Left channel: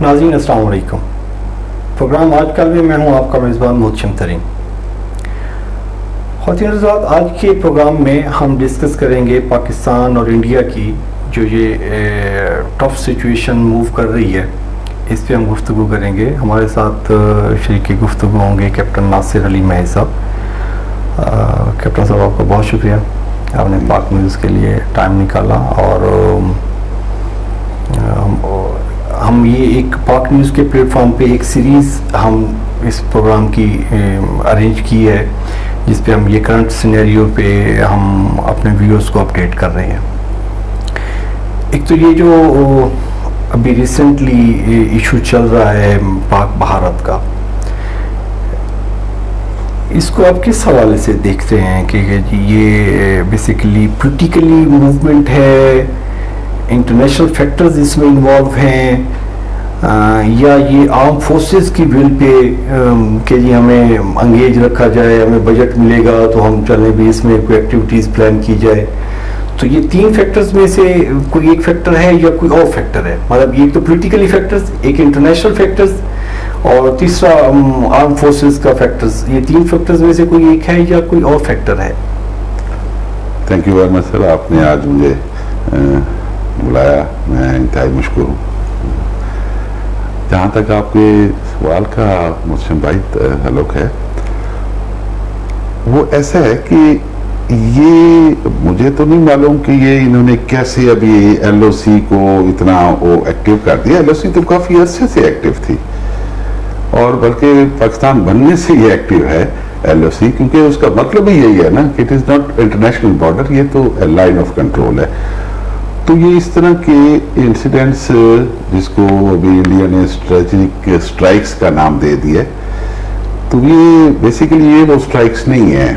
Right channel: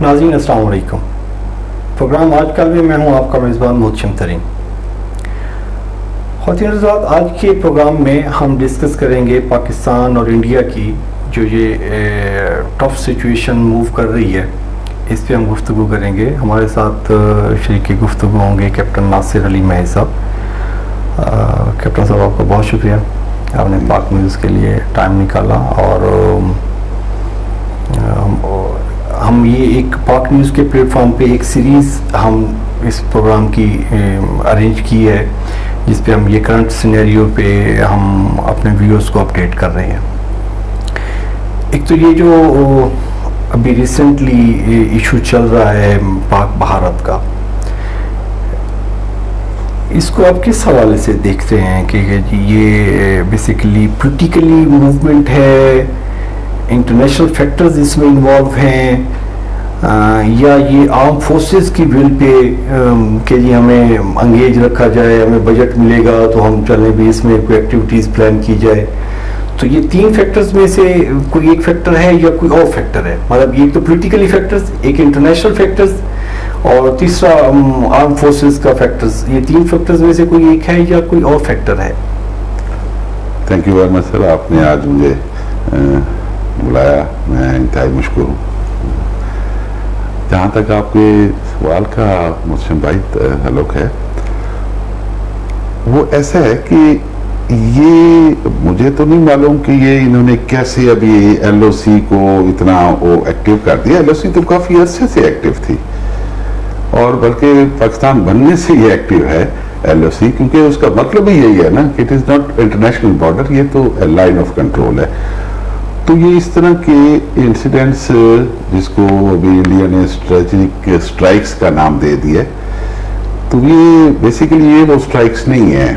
ناظرین السلام علیکم. پروگرام آج کل میں ہوں آپ کا میزبان محتشم ترین. خواتین حضرات, آج کے پروگرام میں ہم ڈسکس کریں گے پاکستان اور انڈیا کی جو یہ ٹف سچویشن موو کر رہی ہے, اس پہ ہم گفتگو کریں گے. ہمارے ساتھ شریک گفتگو ہوں گے کیپٹن ناصر علی مہر صاحب. کیپٹن صاحب آپ کا بہت شکریہ, آپ نے پاک نیوز کے لیے ٹائم نکالا, اور ہم یہ ایک پاک نیوز کے پلیٹ فارم پہ ایک سیریز ہم اس پروگرام کی ارینج کی ہے, جس پہ ہم یہ کرنٹ سینیریو پہ ہم اپنے ویورز کو اپڈیٹ کر رہے ہیں. ایک تو یہ جو ابھی ریسنٹلی ایشو چل رہا ہے پاک بھارت کا, اس کو آپ کس حوالے سے دیکھتے ہیں کہ یہ بیسیکلی پولیٹیکلی موومنٹ ہے, انٹرنیشنل فیکٹرز اس میں انوالو ہیں, یا یہ آرم فورسز کی ول پہ کہ جی ہمیں انگیج رکھا جائے, ہمیں بجٹ ملے گا تو ہم چلیں بھی اس میں کوئی ایکٹیویٹیز پلان کی جائے. تو یہ تین فیکٹرز میں سے کوئی ایک فیکٹر ہے یا کوئی اور فیکٹر ہے؟ مطلب ایک تو پولیٹیکلی فیکٹرز, ایک انٹرنیشنل فیکٹرز, اور تیسرا آرم فورسز کا فیکٹرز. یہ تین فیکٹرز میں سے کوئی ایک ہے یا کوئی اور فیکٹر ہے؟ تھینک یو ویری مچ سر, آپ نے آج مجھے بلایا, میں انتہائی مشکور ہوں. جہاں تک آپ کے سوال کا محتشم بھائی تعلق ہے, وہ ایسا ہے کہ یہ مجھے تو نہیں معلوم کہ یہ انہوں نے کیسے ابھی ایل او سی کو اتنا ایکٹیو کر دیا. ایل او سی تو کافی عرصے سے ایکٹیو تھی, اور بلکہ پاکستان بننے سے یہ ایکٹیو ہے ایل او سی, کیونکہ اس کا مطلب ہی یہی ہے نا کہ it is not international border, یہ تو لائن آف کنٹرول ہے. تو یہ اس طرح کے انسیڈنٹس, جس کو ابھی انڈیا نے اسٹریٹجک اسٹرائکس کا نام دے دیا, تو یہ بیسیکلی یہ وہ اسٹرائکس نہیں ہیں.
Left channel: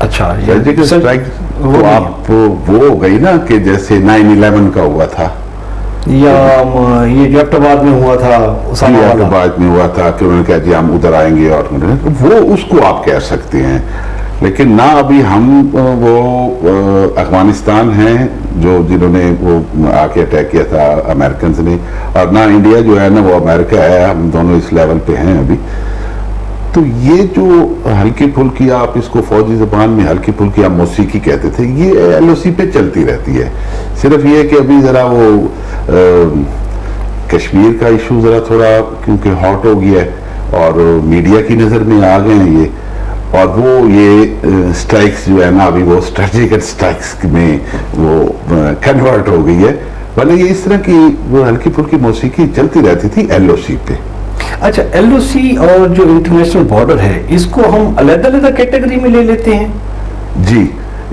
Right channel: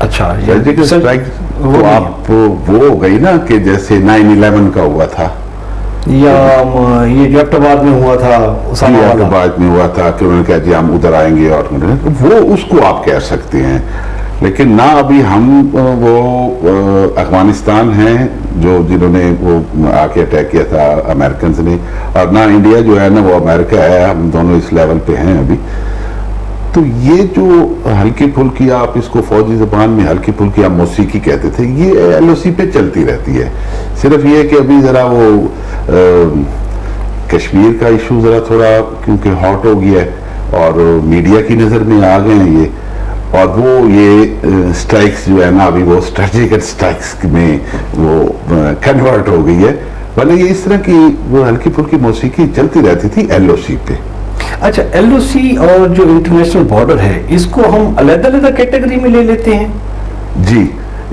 اچھا, اسٹریٹجک اسٹرائک تو آپ وہ ہو گئی نا کہ جیسے 9/11 کا ہوا تھا, یا یہ جو ایبٹ آباد میں ہوا تھا, ایبٹ آباد میں ہوا تھا کہ انہوں نے کہا جی ہم ادھر آئیں گے, اور وہ اس کو آپ کہہ سکتے ہیں. لیکن نہ ابھی ہم وہ افغانستان ہیں جنہوں نے وہ آ کے اٹیک کیا تھا امریکنز نے, اور نہ انڈیا جو ہے نا وہ امریکہ ہے. ہم دونوں اس لیول پہ ہیں ابھی. تو یہ جو ہلکی پھلکی, آپ اس کو فوجی زبان میں ہلکی پھلکی آپ موسیقی کہتے تھے, یہ ایل او سی پہ چلتی رہتی ہے. صرف یہ کہ ابھی ذرا وہ کشمیر کا ایشو ذرا تھوڑا کیونکہ ہاٹ ہو گیا ہے, اور میڈیا کی نظر میں آ گئے ہیں یہ, اور وہ یہ اسٹرائکس جو ہے نا ابھی وہ اسٹریٹجک اسٹرائکس میں وہ کنورٹ ہو گئی ہے. ورنہ یہ اس طرح کی وہ ہلکی پھلکی موسیقی چلتی رہتی تھی ایل او سی پہ. اچھا, ایل او سی اور جو انٹرنیشنل بارڈر ہے, اس کو ہم علیحدہ علیحدہ کیٹیگری میں لے لیتے ہیں؟ جی,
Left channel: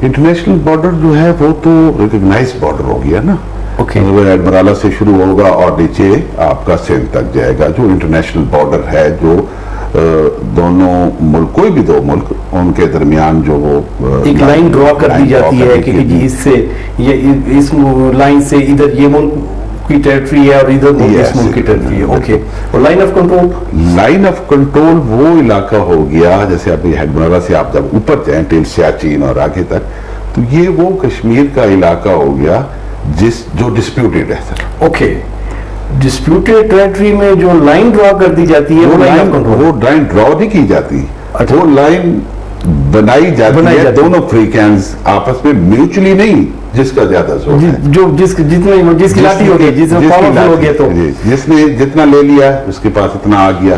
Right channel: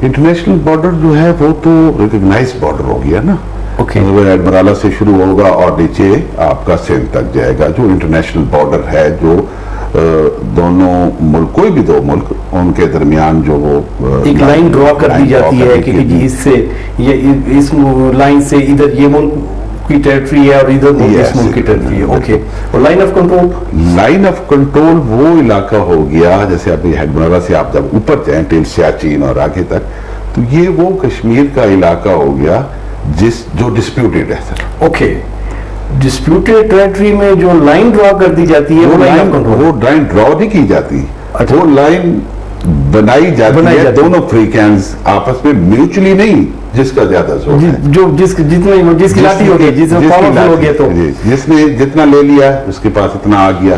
انٹرنیشنل بارڈر جو ہے وہ تو ریکگنائز بارڈر ہو گیا نا. ایڈمرالا سے شروع ہوگا اور نیچے آپ کا سندھ تک جائے گا. جو انٹرنیشنل بارڈر ہے, جو دونوں ملک, کوئی بھی دو ملک, ان کے درمیان جو وہ ایک لائن ڈرا کر دی جاتی ہے کہ جی اس سے اس لائن سے ادھر یہ ملک کی ٹیریٹری ہے اور ادھر اس ملک کی ٹیریٹری ہے. اوکے, اور line of control, line of control وہ علاقہ ہو گیا جیسے ابھی ہیڈمرالا سے آپ جب اوپر جائیں ٹل سیاچین اور آگے تک, تو یہ وہ کشمیر کا علاقہ ہو گیا جو ڈسپیوٹیڈ ہے سر. اوکے, ڈسپیوٹیڈ ٹیریٹری میں جو لائن ڈرا کر دی جاتی ہے, وہ لائن ڈرا نہیں کی جاتی, وہ لائن بنائی جاتی ہے. دونوں فریقین آپس میں میوچلی نہیں, جس کا زیادہ زور ہے, جو جس کی لاٹھی ہوگی, جس میں پاورفل ہو گیا, تو جس نے جتنا لے لیا اس کے پاس اتنا آ گیا.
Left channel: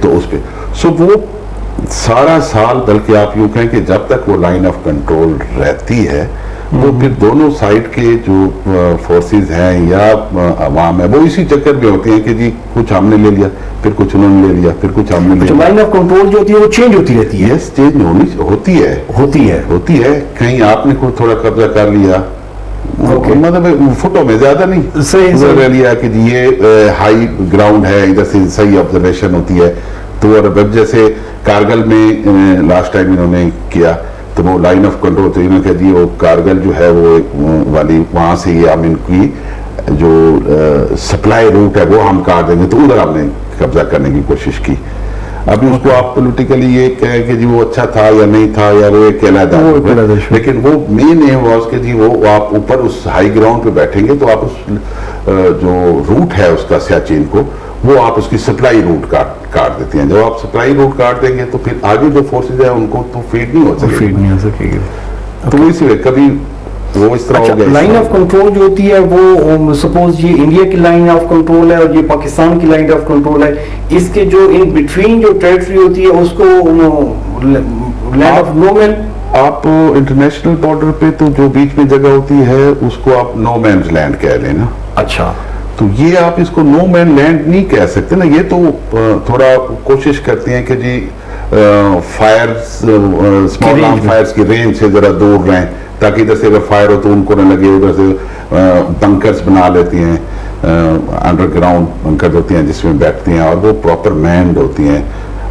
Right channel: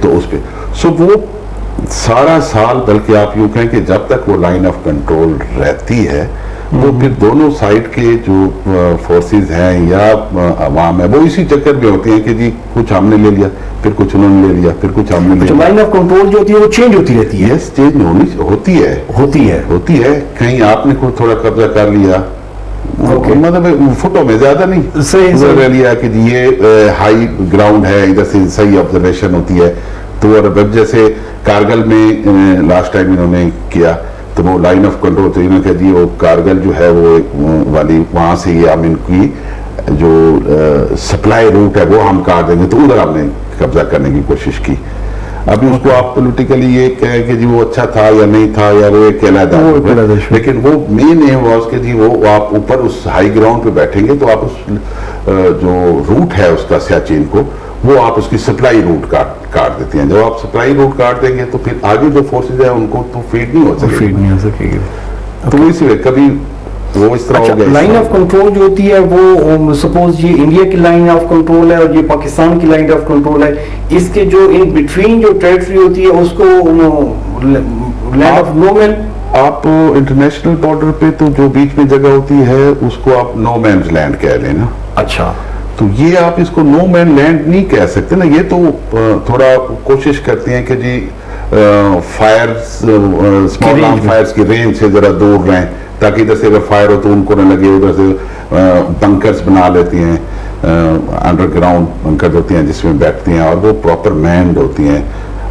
تو اس پہ وہ سارا سال, بلکہ آپ یوں کہیں کہ جب تک وہ لائن آف کنٹرول رہتی ہے, وہ پھر دونوں سائڈ کے جو فورسز ہیں یا عوام ہے, وہ اسی چکر میں ہوتی ہیں کہ جی کچھ ہم نے لے لیا, پھر کچھ انہوں نے لے لیا, پھر کچھ ہم نے لے لیا. لائن آف کنٹرول جو ہوتی ہے وہ چینج ہوتی رہتی ہے. یس, چینج ہوتی ہے. کہیں آپ نے کوئی تھوڑا قبضہ کر لیا, مطلب فٹوں میں زیادہ نہیں, صحیح لے لیا کہ جی یہ ہائی گراؤنڈ ہے, ادھر سے صحیح آبزرویشن ہوتی ہے. تو جیسے کارگل میں لاسٹ ٹائم انہوں نے کیا, تو وہ لائن آف کنٹرول تو انہوں نے کہا جی وہ کارگل جو ہے وہ والی, وہاں سے یہ ہم ان کی جو سپلائی روٹ ہے وہ ہم کاٹ دیں گے, تو ادھر ہم نے قبضہ کرنے کی کوشش کی. ابھی اس کو آپ پولیٹیکلی یہ کہیں کہ جی وہ اچھا تھا یا نہیں تھا, یا وہ ایک علیحدہ, لیکن وہ مین ایم واز کہ جی وہ آپ اوپر اس ہائی گراؤنڈ پہ بیٹھیں گے تو آپ اس جو روٹ ہے اس کا سیاچین کو وہ آپ اس کی سپلائی روٹ کاٹ دیتی ہیں. جب آپ سپلائی روٹ کاٹ دیں گے تو پھر آگے جو فورسز ہیں ان کو تو فیڈ نہیں ہو سکے گی. تو اس لیے کبھی وہ اس طرح ہو گیا. لائن آف کنٹرول جو ہوتی ہے وہ سپوز یہ انڈیا کی لائن آف کنٹرول ہے اور یہ پاکستان کی لائن آف کنٹرول ہے, اس کے جو ان بٹوین جو ٹیریٹری ہوتی ہے اس کو لینڈ آف نو مین. آپ انٹرنیشنل بارڈر پہ تو جو بیچ میں جگہ ہوتی ہے اس کو آپ نو مینز لینڈ کہہ لیں نا. اچھا, تو یہ آپ اس کو نو مین لینڈ نہیں کہہ سکتے نا. یہ تو تھوڑا کوشش کرتی ہیں کہ جی فائرز, اسمال آرم فائرز کی رینج سے ذرا دور رہیں تاکہ ادھر سے اگر فائر ہو تو ان کو نہ لگے. ادھر سے بنکرز بنا لیتی ہیں, انڈر گراؤنڈ بنکرز ہوتی ہیں جس میں بیٹھتی ہیں اور وہ پراپر مینڈ ہوتی ہیں.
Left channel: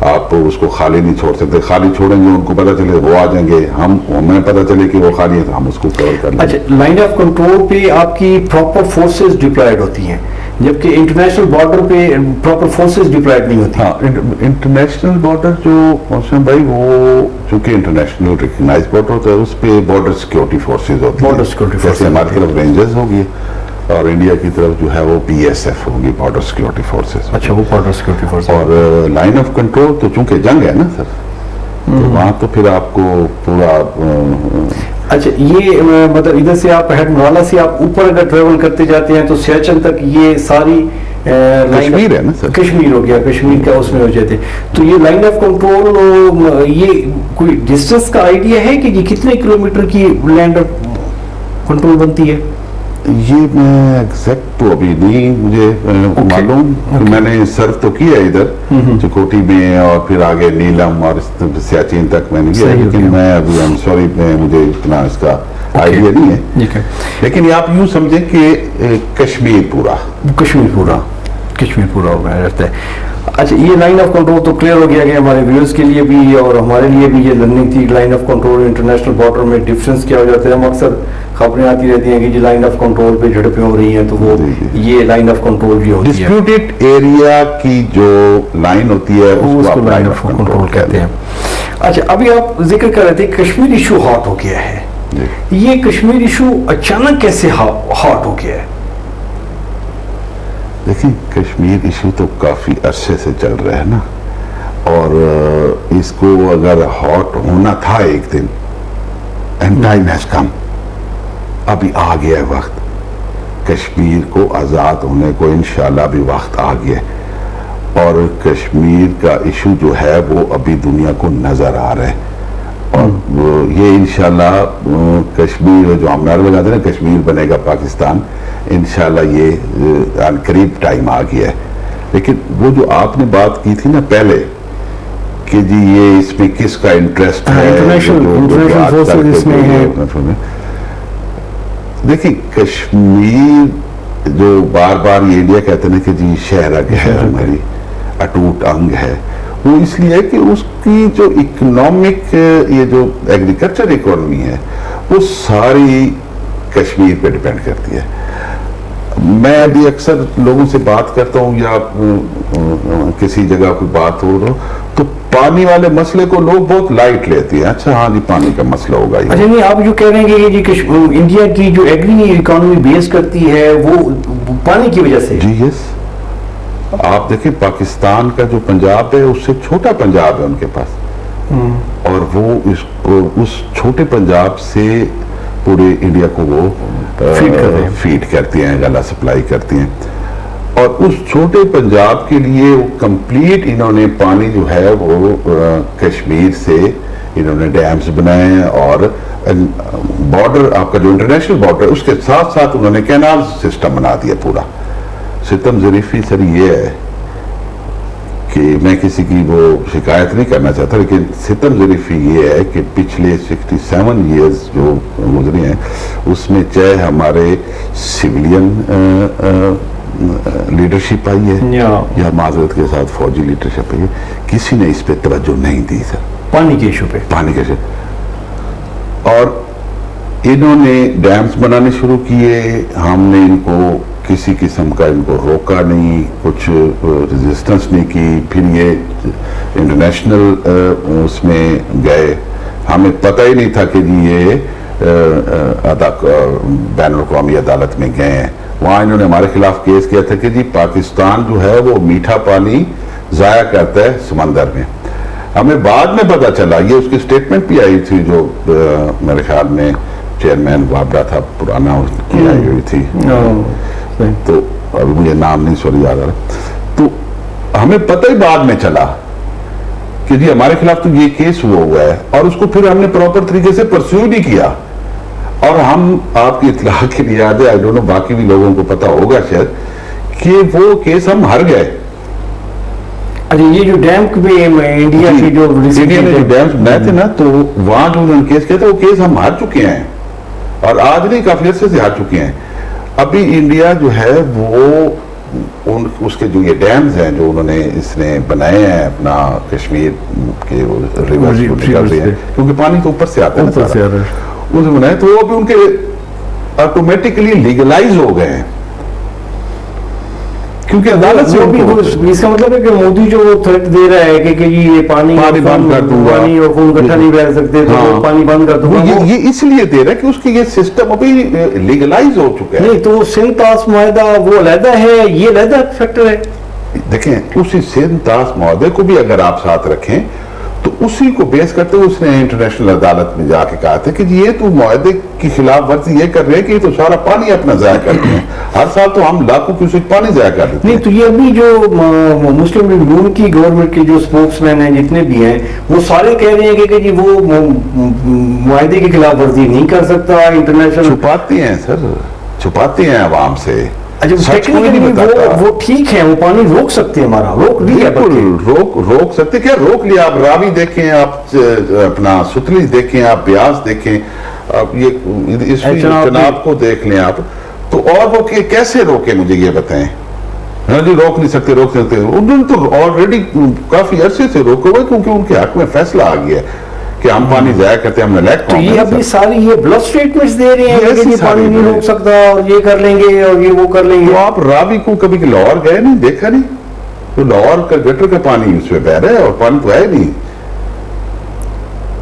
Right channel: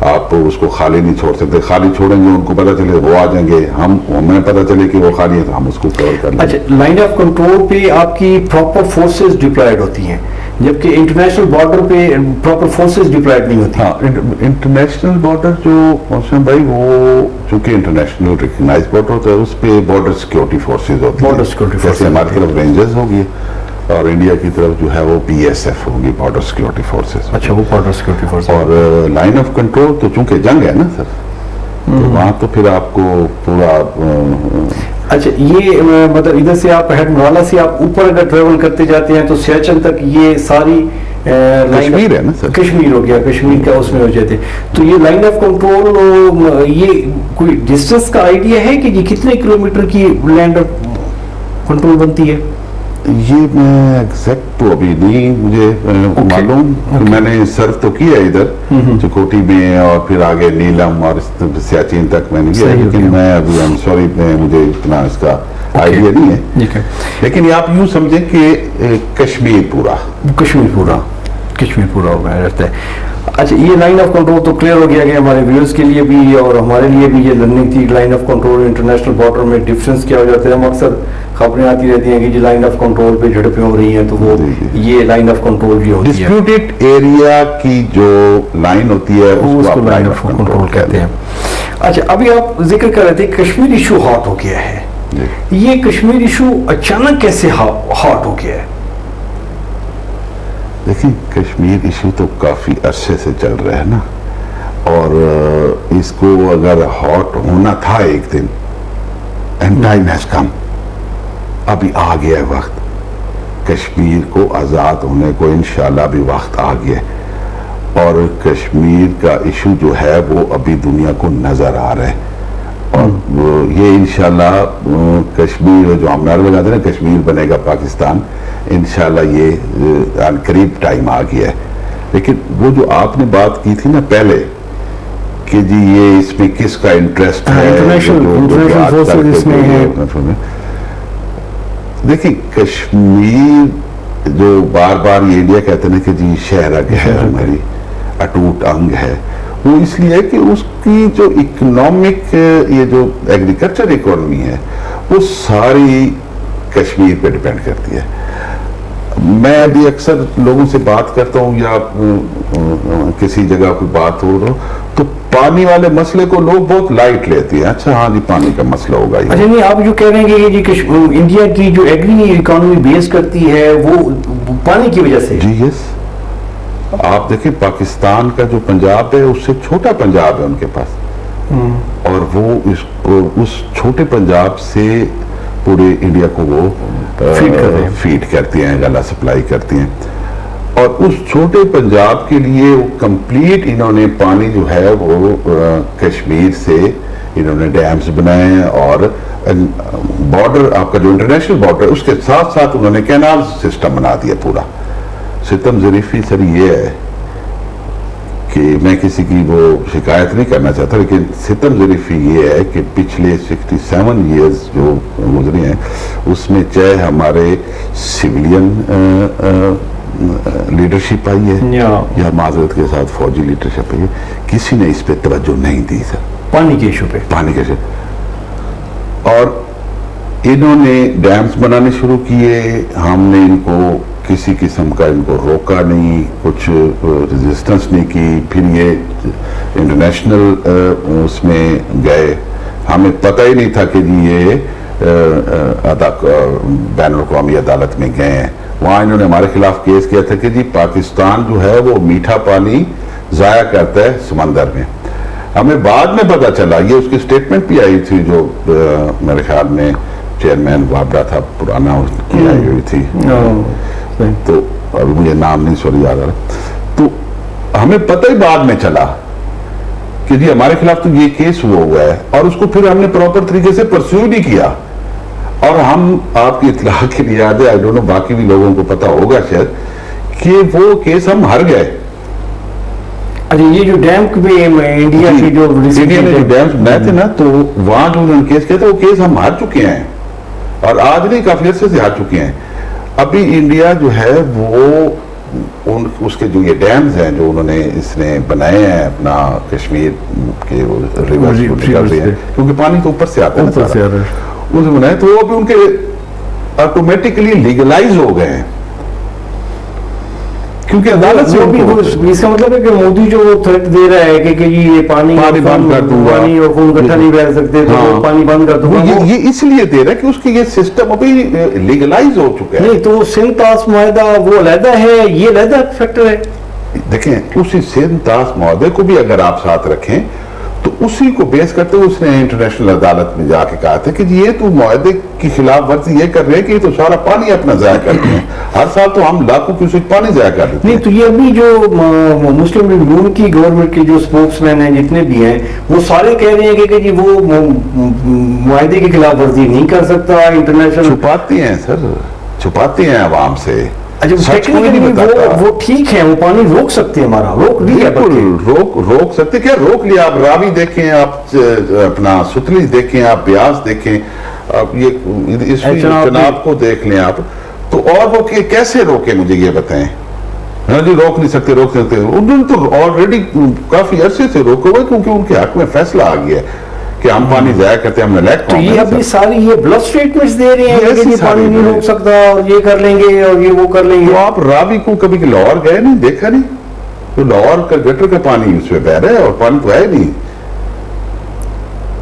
آپ اس کو خالی نہیں چھوڑ سکتے. خالی چھوڑیں گے ان کو پتہ چلے وہ آ جائیں گے, ہمیں پتہ چلے کہ وہ خالی ہے تو ہم اس کو کور کر لیں. اچھا, لائن آف کنٹرول پہ آپ کی پراپر فورسز ڈپلائڈ ہوتی ہیں جبکہ انٹرنیشنل بارڈر پہ پراپر فورسز ڈپلائڈ نہیں ہوتی. ہاں, انٹرنیشنل بارڈر جو موسم بھائی وہ چونکہ انٹرنیشنل ریکگنائز بارڈر ہوتا ہے اس پہ بارڈر سیکورٹی فورسز ہوتی ہیں. بارڈر سیکورٹی فورسز جیسے ہماری طرف رینجرز ہوگی اور انڈیا کی طرف جو ہے وہ پی ایس ایف ہوگی, بارڈر سیکورٹی فورسز. اچھا, وہ بارڈر سیکورٹی فورسز. اور لائن آف کنٹرول تو چونکہ جنگ ہے نا سر, تو وہاں تو پھر آپ کو پورا اچھا, یہ مطلب ادھر سے آپ ہیڈ نوالا سے آپ اوپر اگر ٹریول کرتے جاتے ہیں تو سیاچن تک یہ ساری کشمیر ہے نا سر, کشمیر ہو گیا, کشمیر کا اس میں ہو جاتے. تو یہ لائن آف کنٹرول یہ کوئی ڈسٹینس کا آئیڈیا ہے کہ یہ کتنے کلومیٹر کی لینڈ آف کنٹرول بنتی ہے؟ یہ میں ایگزیکٹ تو ابھی نہیں مجھے معلوم. میں نے سرو تو کیا ادھر چکوٹی میں اور پھر آگے نیلم اور سیاچین تک میں نے کیا, لیکن میں ابھی آئی ایم سوری مجھے اتنا اس کا آئیڈیا نہیں ہے. لیکن آپ یوں سمجھیں کہ کشمیر پورا ہو گیا رہتا ہے. اچھا, یہ لائن آف کنٹرول تو کلیئر ہو گیا کہ ہمارے ویورز کے لیے بھی اور ہمارے لیے بھی یہ لرننگ تھی. Line of control international border میں ڈفرینس کیا ہو جاتا ہے. ہم اکثر خبریں آتی رہتی ہیں کہ جی لائن آف کنٹرول پہ جھڑپیں ہو رہی ہیں, تو وہ یہ لائن آف کنٹرول بھی ہوتی ہے. ڈسپیوٹڈ ایریا کی جو لائن ہوتی ہے اس کو لائن آف کنٹرول کہتے ہیں. اچھا, ابھی آپ ذکر کر رہے تھے کشمیر ایشو ہاٹ ہو گیا ہے. یہ کشمیر ایشو اچانک کیسے ہاٹ ہو گیا ہے؟ دیکھیں, کشمیر ایشو تو کافی عرصے سے چل رہا ہے نا, اور اس کو اگر ہاٹ ہونا تھا ایک دن, اینڈ ٹائم ہیز کم, ابھی آ گیا ہے وقت. کشمیر کو آزاد ہونے کو انشاءاللہ بھی وقت آ گیا ہے, اور کشمیر کا ایشو جو ہے وہ ابھی دنیا کو نظر آ رہا ہے. اور یہ انشاءاللہ کشمیر جو ہم نعرہ لگاتے ہیں نا کشمیر بنے گا پاکستان, انشاءاللہ یہ قریب ٹائم آ گیا ہے. لیکن وہ جو آپ نے بات کی تھی نا پہلے کہ جی یہ اس میں کس کا انٹرسٹ ہے, دیکھیں کشمیر جو بار بار یہ انڈیا کہتے ہیں کہ جی شہرگ ہے ہماری, اٹوٹ انگ ہے, وہ اس لیے کہ اس کی جو اکنامک یہ جو ایگریکلچر اکانومی ہے وہ ساری کشمیر پہ ڈیپینڈ کرتی ہے. میں ابھی اکثر لوگوں سے بات کرتا ہوں یا کسی جگہ کوئی بات ہو رہا تو پانی والے مسئلے کو لوگ بہت لائٹ لیتے ہیں. اچھا ہاں جی پانی کا مسئلہ ہوگا. اچھا نہیں, آپ جو کہہ رہے ہیں کہ جی انڈیا کی جو ایگری اکانومی بیس کرتی ہے وہ پانی کی وجہ سے, جی یس, آپ دیکھیں پاکستان کا جو پنجاب ہے اس سے چھوٹا پنجاب ہے ان کے پاس, اور وہ اس چھوٹے پنجاب سے پورے انڈیا کو وہ فیڈ کرتی ہیں, غلہ سپلائی کرتی ہیں. اور اس چھوٹے پنجاب کے لیے وہ کمپلیٹ انہوں نے پانی جو ہے وہ کشمیر سے انہوں نے ڈیمز بنائے ہیں, اور بارڈر آپ کا جو انٹرنیشنل بارڈر اس کے ساتھ ساتھ انہوں نے کینال سسٹم بنا دیا پورا. ستم ظریفی سر یہ ہے کہ میں کسی کی وہ شکایت نہیں کرنا چاہتا, لیکن ستم ظریفی یہ ہے کہ پچھلے 67 ایئرز جو گزرے ہیں اس میں چاہے ہمارے سویلین لیڈرشپ آئی ہے یا معذرت کے ساتھ فوجی لیڈرشپ آئی ہے, کسی نے اس پہ توجہ نہیں دی سر, پانی کے ایشو پہ. اور انہوں نے ڈیمز بنانے شروع کیے, ہم نے ان کو کسی قسم کا ان کو روکا نہیں, کچھ ریزسٹنس نہیں کی. پھر یہ انٹرنیشنل اس میں گئے, ہمیں پتہ ہی نہیں تھا کہ جی یہ بین الاقوامی عدالت میں گئے ہیں, وہاں انہوں نے ہمارے خلاف کیس کیا تھا کہ جی پاکستان جو ہے وہ میٹھا پانی ضائع کرتا ہے سمندر میں. ہمیں بعد میں پتا چلا, یہ اس کی سٹیٹمنٹ بھی آئی تھی جو میرے خیال میں چیئرمین وابڈا تھا پرانا, اس کی آئی ہوئی تھی, تو ابھی مجھے نام نہیں سوری یاد آ رہا. تو ہمیں پتہ ہی بعد میں چلا کہ جی ہمارے خلاف تو یہ کیس ہوا ہے, اور اس کو پھر ہم نے پراپر طریقے سے پرسیو نہیں کیا. اور ہم آپ کی اطلاع کے لیے یاد ہے, آئی ڈونٹ نو باقی بھی لوگوں کو پتا ہوگا شاید, کہ وہ کیس ہم ہار گئے. اچھا, یہ جو ڈیم انڈیا کی جو ڈیمز بنائے تھے نا, تو وہاں جو انہوں نے کیس کیا تھا وہ کیس ہم ہار چکے ہیں, اور آج نہیں کافی عرصے سے ہار چکے ہیں. ابھی انڈیا جو ہے وہ اس کے جو یہ ڈیمز ہیں جو انہوں نے اس نے بنائے ہیں اپنا کشمیر کے ریورز کو نکل رہے ہیں, کیونکہ پانی تو اوپر سے آتا ہے, اسے بنائے, تو وہ ابھی ان کے آٹومیٹکلی لیگلائز ہو گئے ہیں, کیونکہ عدالت سے اس کا مطلب ہے کہ مودی جو تھریٹ دے رہا ہے کہ جی یہ پانی بند کر دوں گا, پانی اور خون اکٹھا نہیں رہ سکتے تو پانی بند کر دوں گا, یہ اس لیے دے رہا ہے کہ اس کی یہ سسٹم ابھی لیگلائز ہو چکا ہے. نہیں تو سندھ طاس معاہدہ وہ علیحدہ ہے, یہ علیحدہ فیکٹر ہے. دیکھیں, اسی سندھ طاس معاہدے کو بھی اگر آپ ساتھ رکھیں تو اسی کو بیس کرتے ہوئے اس نے انٹرنیشنل عدالت میں جا کے کہا تھا کہ یہ تو معاہدے کی خلاف ورزی یہ کر رہے ہیں کہ یہ تو سارا پانی اپنا ضائع کرتے ہیں, ہر سال تو ہم لاکھوں کیوسک پانی ضائع کر دیتے ہیں. نہیں تو یہ ابھی جو مسلم لیگ نون کی گورنمنٹ کے جو اسپوکس مین ہیں جتنے بھی ہیں وہ سارے کہہ رہے ہیں کہ جی وہ معاہدے کی خلاف ورزی نہیں کر سکتا. انٹرنیشنل چھپاتے ہیں سر, چھپاتے ہیں عوام سے. وہ ٹھیک ہے, وہ پانی روک سکتے ہیں, ہمارا روک سکتے. کیا روک لیا, آپ راوی دیکھیں, آپ اپنا ستلیج دیکھیں, آپ بیاس دیکھیں, آپ یہ اس چناب کو دیکھ لیں آپ, تو اور وہ کیسے روکے مجھے یہ بتائیں. جی روک نہیں سکتے, انہوں نے تو آلریڈی کافی عرصے سے روکے ہوئے, کیونکہ ان کے حق میں فیصلہ آ گیا ہے کہ ہم پانی ضائع کرتے ہیں, ہم نلیک تو یہ ابھی ساری یہ بلف سٹیٹمنٹس دے رہے ہیں کہ یہ پانی نہیں روک سکتا اور یہ کر لیں گے اور یہ وہ کر لیں گے. تو آپ راوی کو کبھی لاہور گئے نہیں, دیکھا نہیں, تو لاہور کا گٹر کا پانی اس میں بہ رہا ہے اور پانی تو ہے نہیں.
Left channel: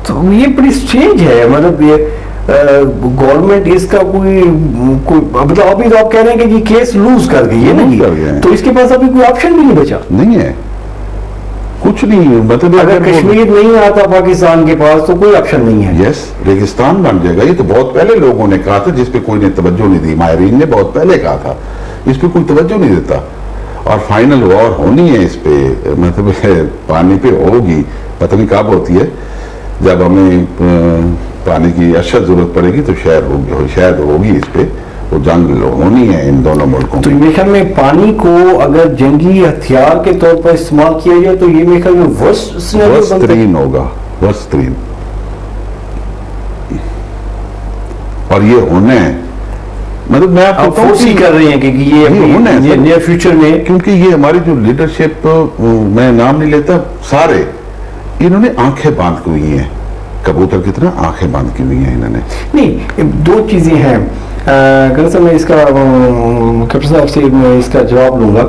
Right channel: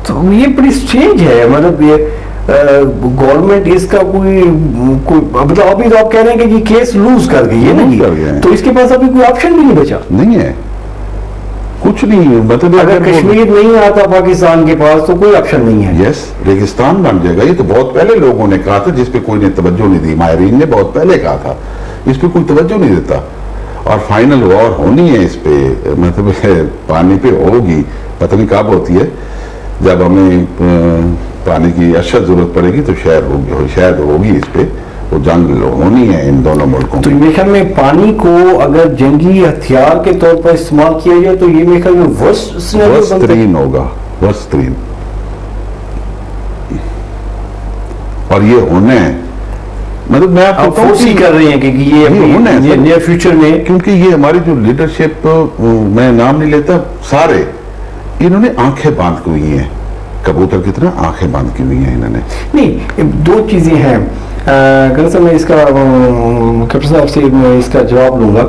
تو یہ بڑی اسٹرینج ہے, مطلب یہ گورنمنٹ اس کا کوئی مطلب ابھی تو آپ کہہ رہے ہیں کہ یہ کیس لوز کر گئی ہے نا, تو اس کے پاس ابھی کوئی آپشن بھی نہیں بچا. نہیں ہے, کچھ نہیں. مطلب اگر کشمیر نہیں آتا پاکستان کے پاس تو کوئی آپشن نہیں ہے. یس, ریگستان بن جائے گا. یہ تو بہت پہلے لوگوں نے کہا تھا, جس پہ کوئی نے توجہ نہیں دی. ماہرین نے بہت پہلے کہا تھا, اس پہ کوئی توجہ نہیں دیتا. اور فائنل وار ہونی ہے اس پہ, مطلب پانی پہ ہوگی, پتہ نہیں کب ہوتی ہے. جب ہمیں پانی کی اشد ضرورت پڑے گی تو شاید ہوگی اس پہ, وہ جنگ ہونی ہے ان دونوں ملکوں. تو میرے خیال میں پانی کو اگر جنگی ہتھیار کے طور پر استعمال کیا جائے تو یہ میرے خیال میں ورسٹ ترین ہوگا, ورسٹ ترین. اور یہ ہونا ہے, مطلب میں آپ کو فورسی کر رہے ہیں کہ یہ نیئر فیوچر میں, کیونکہ یہ ہماری جو لیڈرشپ, میں نام نہیں لیتا, سارے انہوں نے آنکھیں باندھ کی ہوئی ہیں, کبوتر کی طرح آنکھیں باندھ کی ہوئی ہیں انہوں نے. نہیں, دو چیزیں ہیں. میں اس کا کیپٹن صاحب سے اس کا جواب لوں گا.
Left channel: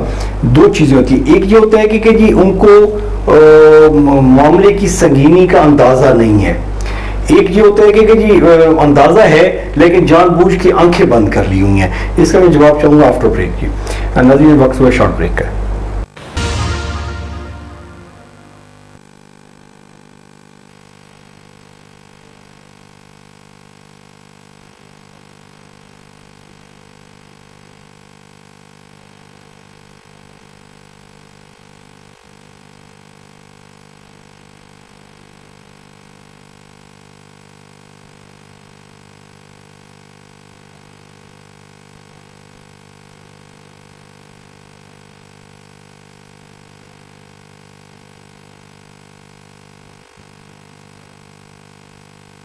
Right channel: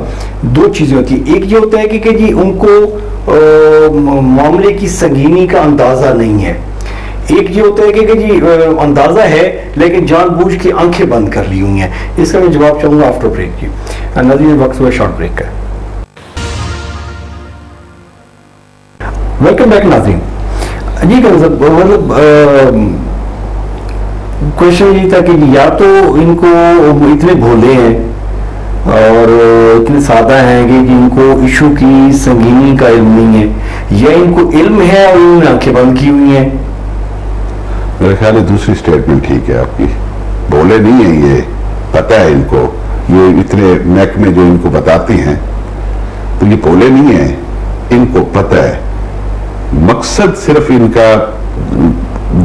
دو چیزیں ہوتی ہیں. ایک یہ ہوتا ہے کہ جی ان کو معاملے کی سنگینی کا اندازہ نہیں ہے. ایک یہ ہوتا ہے کہ جی اندازہ ہے لیکن جان بوجھ کی آنکھیں بند کر لی ہوئی ہیں. اس کا میں جواب چاہوں گا آفٹر بریک کی. ناظرین وقت ہوا شارٹ بریک کا. ویلکم بیک ناظرین. جی مطلب کوشچن یہ تھا کہ یا تو ان کو اتنے بھولے ہیں اور اتنے سادہ ہیں کہ ان کو ایشو کی سنگینی کا علم نہیں ہے, یا ان کو علم ہے اور انہوں نے آنکھیں بند کی ہوئی ہیں. میرے خیال ہے دوسری سٹیٹمنٹ ٹھیک ہے آپ کی. بھولے نہیں ہیں, یہ پتہ ہے ان کو, یہ اتنے محکمے جو ان کو بتاتی ہیں تو یہ بھولے نہیں ہیں, ان کو پتہ ہے. مقصد صرف ان کا,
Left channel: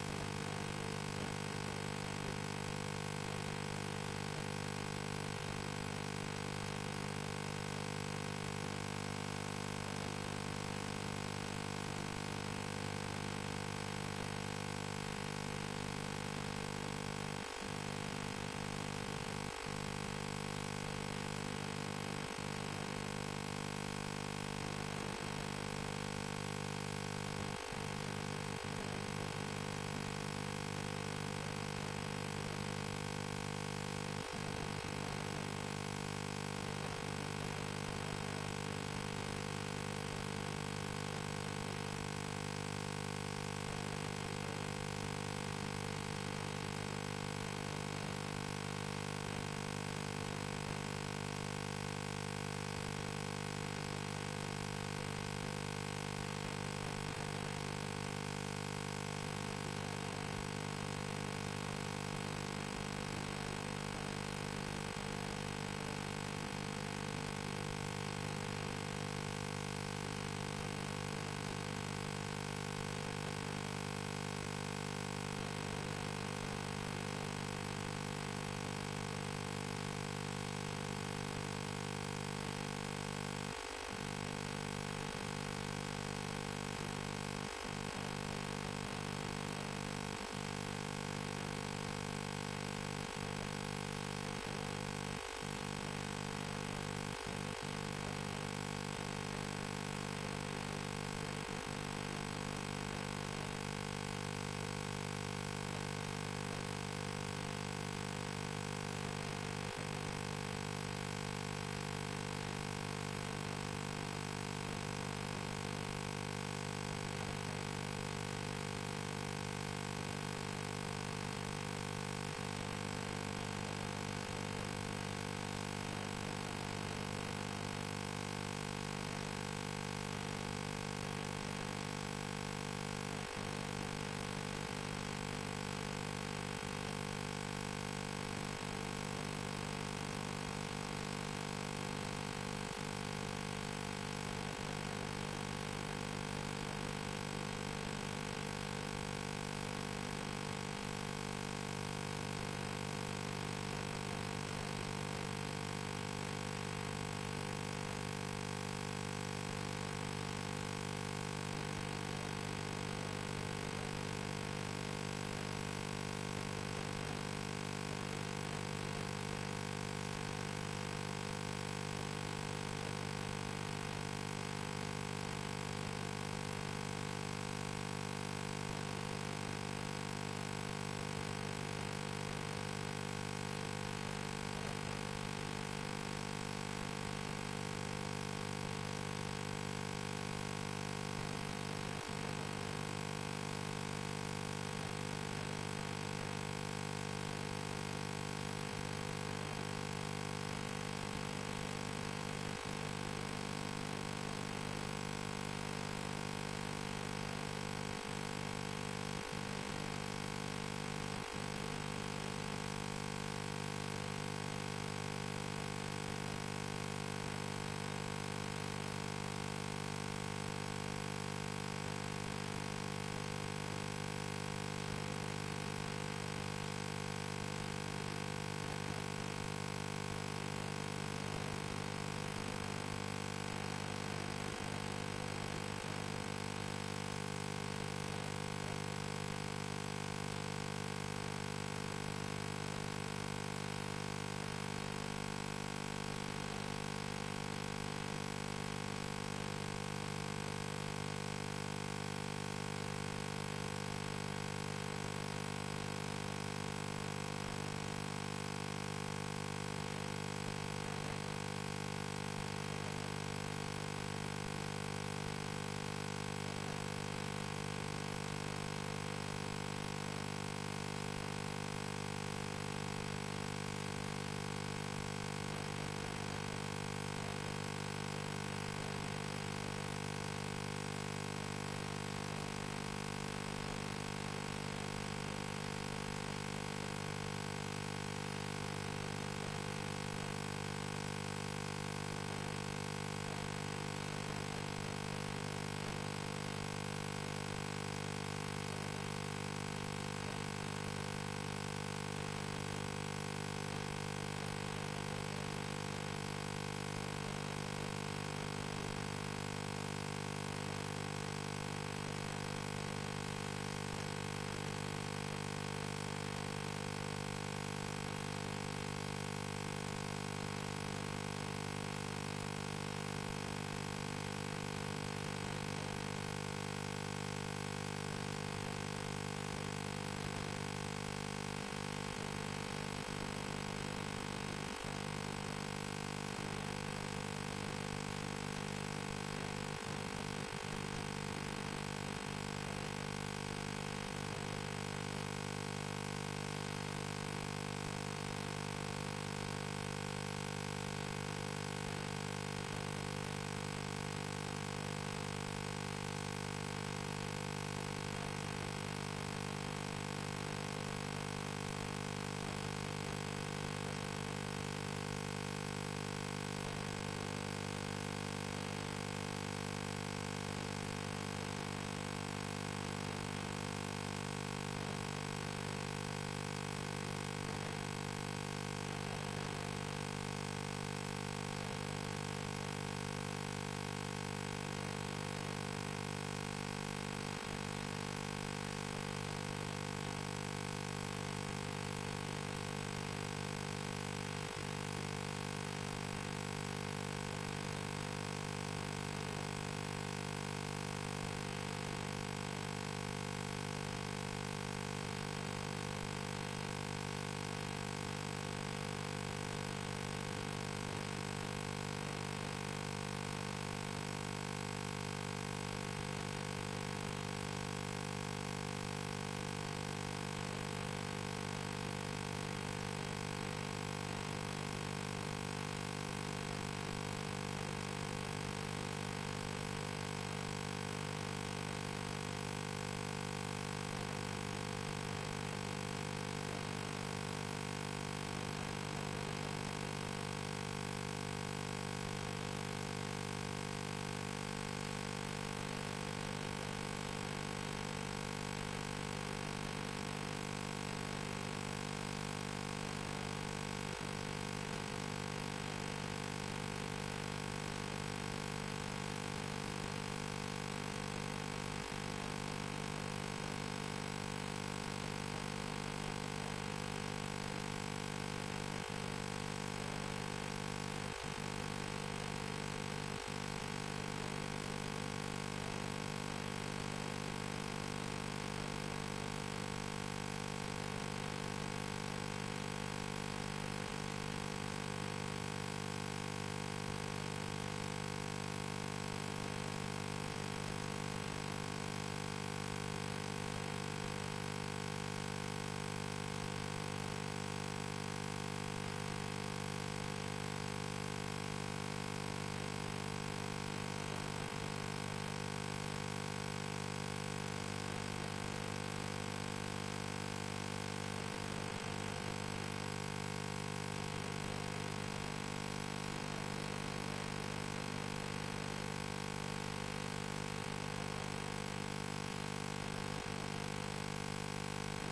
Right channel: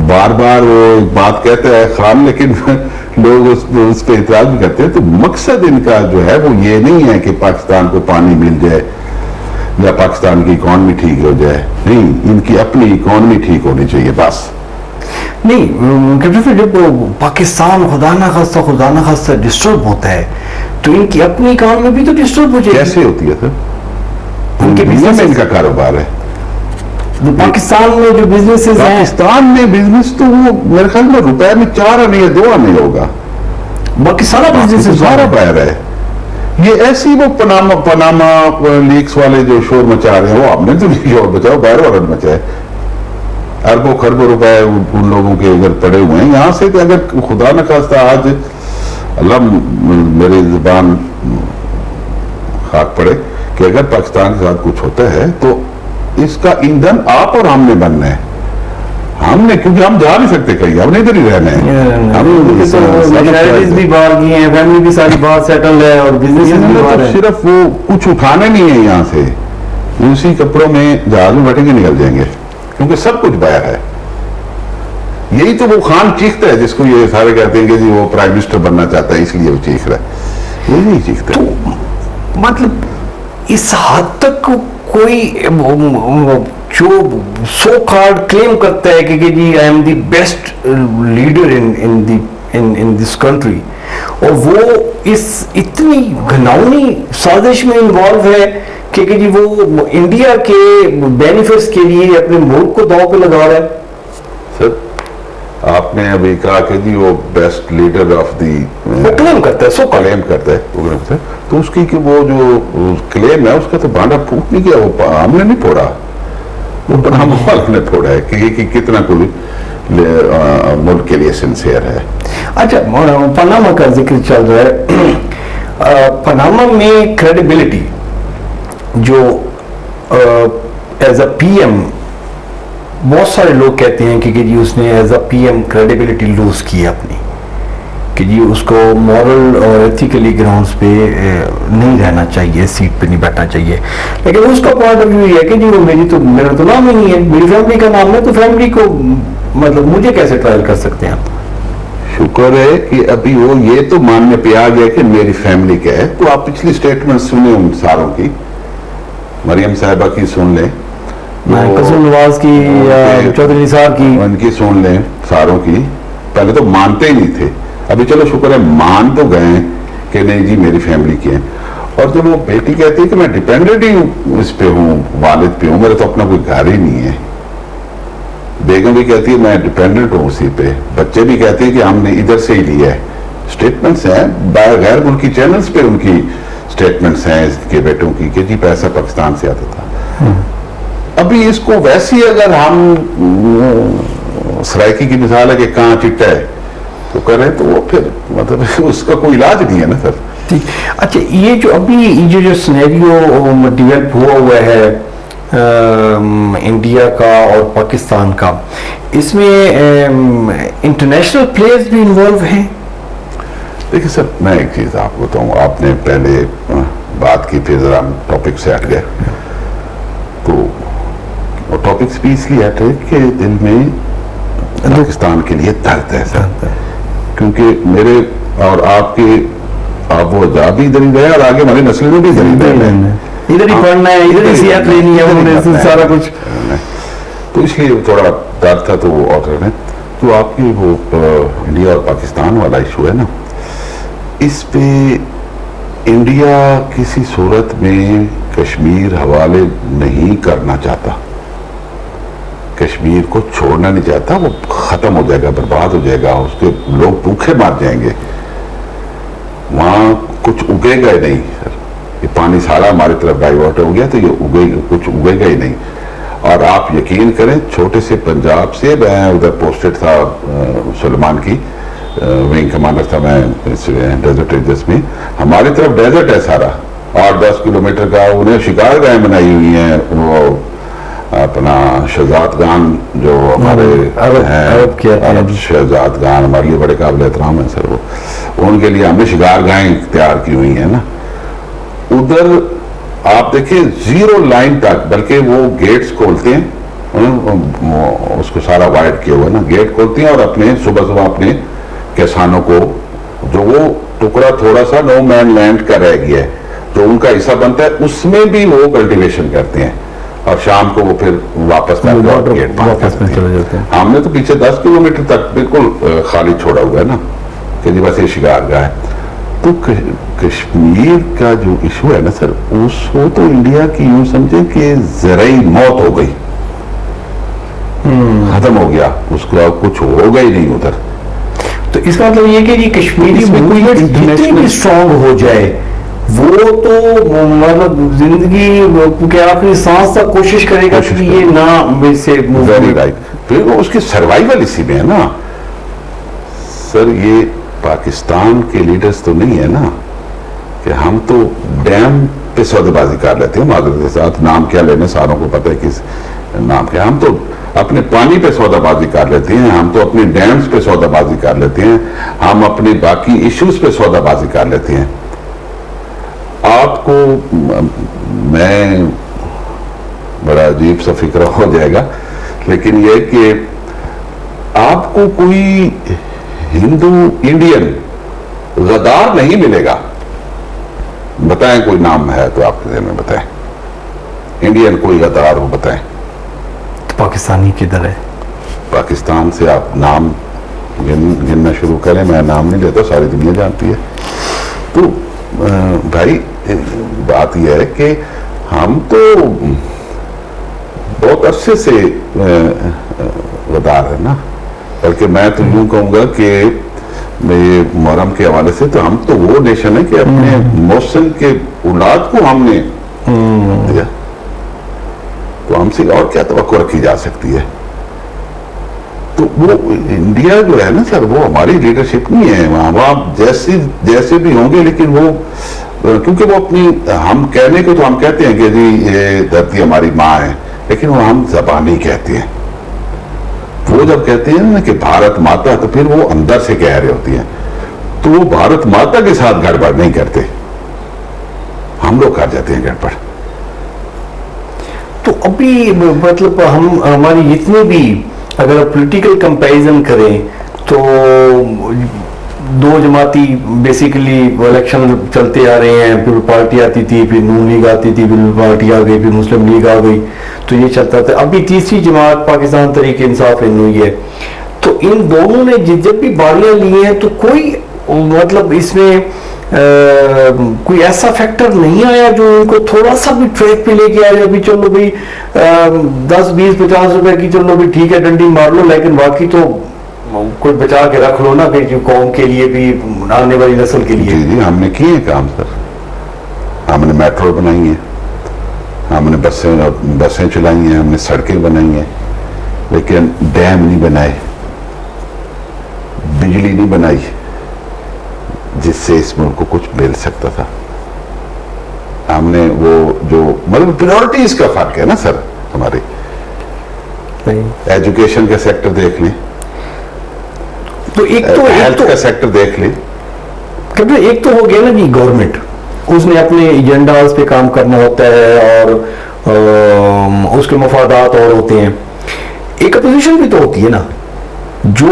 بار بار وہ بات کہتا ہے خان, لیکن لوگ اس پہ اعتراض بھی کرتے ہیں, تو مقصد ان کا جو ہے وہ یہ نہیں ہے کہ پاکستان کو پانی مل جائے یا پاکستان کی اکانومی ٹھیک ہو جائے. نہیں, ان کی اپنی اکانومی ٹھیک ہونی چاہیے بس. نہیں کیپٹن صاحب, جب پاکستان خدا نہ خواستہ ڈسٹرب ہوتا ہے تو ان کی اپنی اکانومی بھی تو ڈسٹرب ہو جائے. کیسے ہوتی ہے سر؟ ان کے بزنس میں ان کا کاروبار ہے. پاکستان میں جو بزنس پاکستان میں بزنس تو وہ میرے خیال میں روپے میں 4 آنے یا 2 آنے ہوگا. باقی سارا بزنس سارا باہر ہے. یہ ایسی وہ پناما لیکس والے جو شور مچا رہے ہیں وہ آپ نے تو نہیں شور مچاؤ, باہر والوں نے مچائے. اربوں خربوں روپے ان لوگوں کے اگر پڑے ہوئے ہیں یہاں سے کہ اگر خدا نہ خواستہ آج اللہ میری زبان خاک پڑے کہ اگر پاکستان کے ساتھ کچھ ہوتا ہے تو اس کا ایندھن آپ اور ہم نے بننا ہے. ہم نے, کیونکہ ہم جا نہیں سکتے کہیں, ہم نے ادھر ہی رہنا ہے. نیشنلٹیز بھی باہر کی ہیں, فیملی بھی ساری باہر سیٹل ہے, اور بزنس بھی باہر ہے. صرف وہ کچھ اٹھانے نہیں ہے یہاں سے, اسی کپڑوں میں جہاز میں بیٹھیں گے نکل جائیں گے, کیونکہ سب کچھ باہر ہے. یہی تو وہ خان چیختا ہے جس کو یہ سارے کہتے ہیں کہ جی وہ پرائم منسٹر بننا چاہتا ہے اس لیے وہ چیخ رہا ہے. یہ نہیں چیختا. مطلب اس حد تک کوئی جو سو کارڈ کلیم کرتا ہے کہ جی I am the best leader in this country, اور وہ اس اتنی گھناؤنی سازش میں انوالو ہے کہ جی وہ انڈیا کے بینیفٹس کے لیے اپنے ملک کو داؤ پہ لگا رہا ہے. سر آپ نے ابھی کہا کہ جی وہ بیسٹ لیڈر آف دی کلیم کرتا ہے, سو کلیم کرتا ہے, تو اس کی کہ وہ جو کلیم ہے اس کا تو بانڈا پھوٹ نہیں کیا, وہ ہم نے نہیں پھوڑا, وہ ہم والوں نے پھوڑا ہے کہ کتنا کوئی ملک کے لیے سنسیئر ہے. اچھا, پاناما کا ذکر چل رہا ہے. پاناما میں کریڈیبلٹی جو ایز اے پی ایم, بہت سارے لوگ کہتے ہیں کہ جی اس نے as a P M credibility lose کی اپنی, کہ جی اس کو مورل اور ایتھیکلی گراؤنڈز پہ نہیں رہنا چاہیے, سیٹ پہ نہیں بیٹھنا چاہیے. لیکن اس کا پوائنٹ آف ویو یہ ہے کہ جی وہ میرا تو نام ہی نہیں ہے, میری فیملی کا نام ہے, تو فیملی کو مطلب مجھے کیسے ٹرائل کر سکتے ہیں آپ؟ شکر ہے کہ ابھی وہ یہ تو ماننے پہ آ گیا کہ میری فیملی کا ہے. تو آپ پچھلی سٹیٹمنٹ سنیں ان ساروں کی, مریم صاحبہ کی سن لیں, قاسم نواز کی, چودھری نثار کی, ان کی سن لیں, ساروں کی. پہلے تو مانتے ہی نہیں تھے, ابھی چلو شکر ہے مان تو گئے کہ نہیں جی میری فیملی کی ہے. اور جب وہ بیٹی کہتی ہے کہ میں ڈیپینڈنٹ ہی اس پہ ہوں, والد پہ ہوں, میرا تو اپنا کوئی گھر ہی نہیں ہے. بیگم بھی کہتی ہے میں ڈیپینڈنٹ ہوں اسی پہ, بچے بھی کہتے ہیں کہ ہم نے ادھر سے ہی لیا ہے. اسٹیٹمنٹس ہیں غیر ملکی چینلز پہ, ان کی اسٹیٹمنٹس ہیں اس کے بیٹوں کی کہ جی پیسہ پاکستان سے آتا تھا. ابھی اس کو ویسی اگر ہم سرائکی کی مثال ہے کہ کہاں چٹا ہے تو کریں تو وہ پھر مطلب اس کا کوئی علاج نہیں ہے نا سر. اچھا, یہ جو ابھی جو سینیریو ڈیولپ ہوا ہے انڈیا کا اور پاکستان کا, اس میں انٹرنیشنل پلیئرز بھی انوالو ہیں. دیکھیں سر, میں ایک چیز آپ کو بتاؤں, آپ نے پہلے بات کی پھر ذرا ہم ٹاپک سے ہٹ گئے. تو ٹاپکس بھی اس لیے ہٹے کہ دل میں پاکستان کے لیے درد ہے سر, کیونکہ میرے اور آپ کے آب و اجداد بھی ادھر ہی رہے اور آگے ہماری نسل میں بھی ادھر ہی رہے ہیں, ادھر ہی پڑھنا ہے, ادھر ہی صحت لینی ہے, انہوں نے سارا کچھ. تو اس لیے تھوڑا درد تھا. تو وہ اور تو آپ کی وہ انڈیا اور پاکستان والا ایشو ہے نا, اس پہ انڈیا کسی صورت میں کشمیر حوالے نہیں کرنا چاہتا, کشمیر کو چھوڑنا نہیں چاہتا. وہ ختم ہو جائے گا, برباد ہو جائے گا, اس کے لوگ بھوکے مار جائیں گے, وہاں کچھ اگے گا ہی نہیں سر. یہ پانی سارا ہماری طرف ڈائیورٹ ہو گیا تو یہ کچھ اگے گا ہی نہیں. اور آپ یقین کریں, چھوٹے سے پنجاب سے, میں ادھر پوسٹڈ تھا سلیمان کی, ونگ کمانڈر تھا میں ڈیزرٹ ایریاز میں. ہماری طرف ڈیزرٹ ہے سارا, 8-10 کلومیٹر کا. انہیں شکار گاہیں بنائی ہوئی ہیں, وہ اپنا شہزاد گان جو ہمارے عرب شہزاد گان ہمارے لیے بڑے قابل احترام ہیں سر. وہ ان کے لیے ہم نے شکار گاہیں تیار کی ہوئی ہیں نا. ادھر آپ دیکھیں 0 لائن تک, بلکہ وہ گیٹس کھولتے ہیں, اس کو سارا وائڈ کیا ہوا ہے نا, گیٹ کھولتے ہیں اور اپنے صبح اپنے کسانوں کو, جو وہ ٹکڑا تھوڑا سا نو مین لینڈ کا رہ گیا ہے جو ان کا حصہ بنتا ہے, اس میں بھی وہ کلٹیویشن کرتے ہیں, اور شام کو وہ پھر واپس گیٹ بند کر دیتے ہیں. ہم نے تو پیچھے 10 کلومیٹر تک بالکل خالی چھوڑا ہوا ہے نا, کہ جی بس یہ شکار گاہ ہے. تو کشمیر کا جو ایشو ہے نا سر, اس کو تو انڈیا کی یوں سمجھیں کہ زرعی موت ہو گئی, ختم ہو گیا, اس کو کچھ ہوگا ہی نہیں ادھر. تو اس کا مطلب یہ کہ یہ کشمیری اس میں کوئی موومنٹ جتنی بھی اسٹرانگ ہو جائے وہ تو مطلب زندگی کے آخری سانس تک کوشش کرے گا کہ یہ نہ سے ویری رائٹ. پھر وہ اس کی سروائیول اسی میں ہے نا سر. یہ پاکستان کے لیڈرز تو نہیں ہے نا کہ ہم تو ڈیم پہ سودے بازی کر لیتے ہیں معذرت کے ساتھ, نام کیا لینے ساروں کو پتہ ہے کس نام کیا. ہم تو اپنے پانی پہ سودا بازی کر لیتے ہیں, ہم تو اپنے ڈیمز پہ سودا بازی کر لیتے ہیں, ہم اپنے باقی ایشوز پہ سودا بازی کر لیتے ہیں. آپ کو میں بڑا عجیب سا فکر ہو جائے گا لیکن یہ کہ آپ کو کوئی ہندو انڈین غدار نہیں ملے گا. بتائیں کوئی نام ہے تو آپ کے ذہن میں بتائیں, انڈین کوئی غدار ہو بتائیں. پاکستانی کدھر ہے؟ پاکستان سے آپ نام گننا شروع کریں, میں نام نہیں لیتا, ساری دنیا جانتی ہے. تو بھائی بات یہ ہے کہ ہم تو بہت عرصے سے غدار ہے نا, بلکہ میں تو یوں کہوں گا کہ یہ محرم کے حوالے سے تو ہم تو وہ نیشن ہے کہ اپنے محسن کے اولاد کو ہم نے دیا, تو ہم سے اور کیا توقع رکھی جا سکتی ہے. تو وہ انڈیا جو ہے نا سر وہ ہماری لیڈرشپ نہیں ہے, وہاں جیسے بھی ہوں گے لیکن وہ کیونکہ وہ اپنی ہم کہنے کو تو ہم کہتے ہیں کہ جی یہ دھرتی ہماری ماں ہے, لیکن وہ ہم زبانی کہتے ہیں. وہ جب کہتے ہیں نا کہ بھارت ماتا تو پھر وہ اندر سے کہہ رہے ہوتی ہیں, تو وہ بھارت ماتا کے ساتھ گڑبڑ نہیں کرتے, ہم لوگ کر جاتے ہیں گڑبڑ. تو ابھی مطلب ہماری جتنے بھی اگر پولیٹیکل کمپیریزن کریں تو دو جماعتی بیسیکلی الیکشن چلتے آ رہے ہیں, پھر پارٹی آتی تھی, پھر نون لیگ آتی تھی, پھر پارٹی آ گئی, پھر مسلم لیگ آ گئی, تو یہ چلتا تھا. ابھی تیسری جماعت پاکستان تحریک انصاف ہوئی ہے. تو ان دونوں نے جب بھی باریاں لی ہیں تو کوئی مطلب اس میں کوئی ایسا فیکٹر نہیں آیا جو ان کو تھوڑا سا بھی ٹریک پہ لے کے آیا, ابھی چلو بھائی 10-20-50 روپے کی چلو بھی ٹھیک ہے ڈنڈی مار لو, لیکن باقی تو کوئی بچا کے رکھ لو نا کہ قوم کے لیے بھی آنے والی نسل کے لیے. جی ہم نے کیے کام سر, ہم نے میٹرو بنائی ہیں, ہم نے بسیں چلائی ہیں, ہم نے سڑکیں بنائی ہیں, لیکن ڈیم نہیں بنائے, بجلی نہیں بنائی جس سے اس ملک کو کچھ مل سکتا تھا. ہم نے وہ جو مطلب پریورٹیز کا فرق ہے نا سر ہماری. ایجوکیشن کا سیکٹر دیکھ لیں, تو ہیلتھ کا سیکٹر دیکھ لیں. ایک تو ہو گیا نا جی گورنمنٹ, اس نے اپنے ایجنڈاز پہ کام کرنا ہوتا ہے اور اس کے مفادات اور ہوتے ہیں. ایک اپوزیشن بھی تو ہوتی ہے نا جو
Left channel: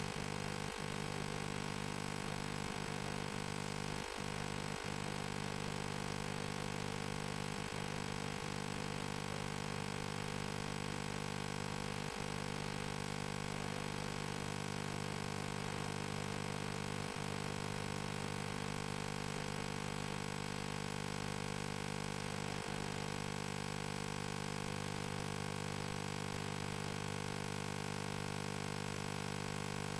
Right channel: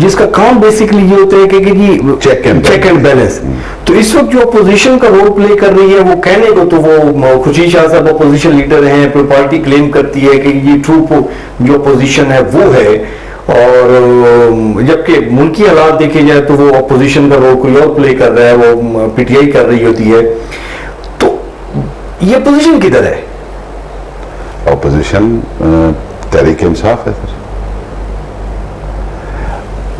جس کا کام بیسیکلی یہ ہوتا ہے کہ جی چیک اینڈ بیلنس. تو اس وقت جو اپوزیشن کا رول پلے کر رہی ہے وہ کہنے کو تو وہ خوشی شاہ صاحب اپوزیشن لیڈر ہیں, پھر پارٹی کلیم کرتی ہے کہ یہ ٹرو جو اپوزیشن ہے وہ ہے, اور جبکہ ملکی حالات دیکھے جائے تو وہ اپوزیشن کا رول کوئی اور پلے کر رہا ہے, وہ پی ٹی آئی کر رہی ہوتی ہے. تو یہ اپوزیشن کدھر ہے؟ اپوزیشن تحریک انصاف ہے سر.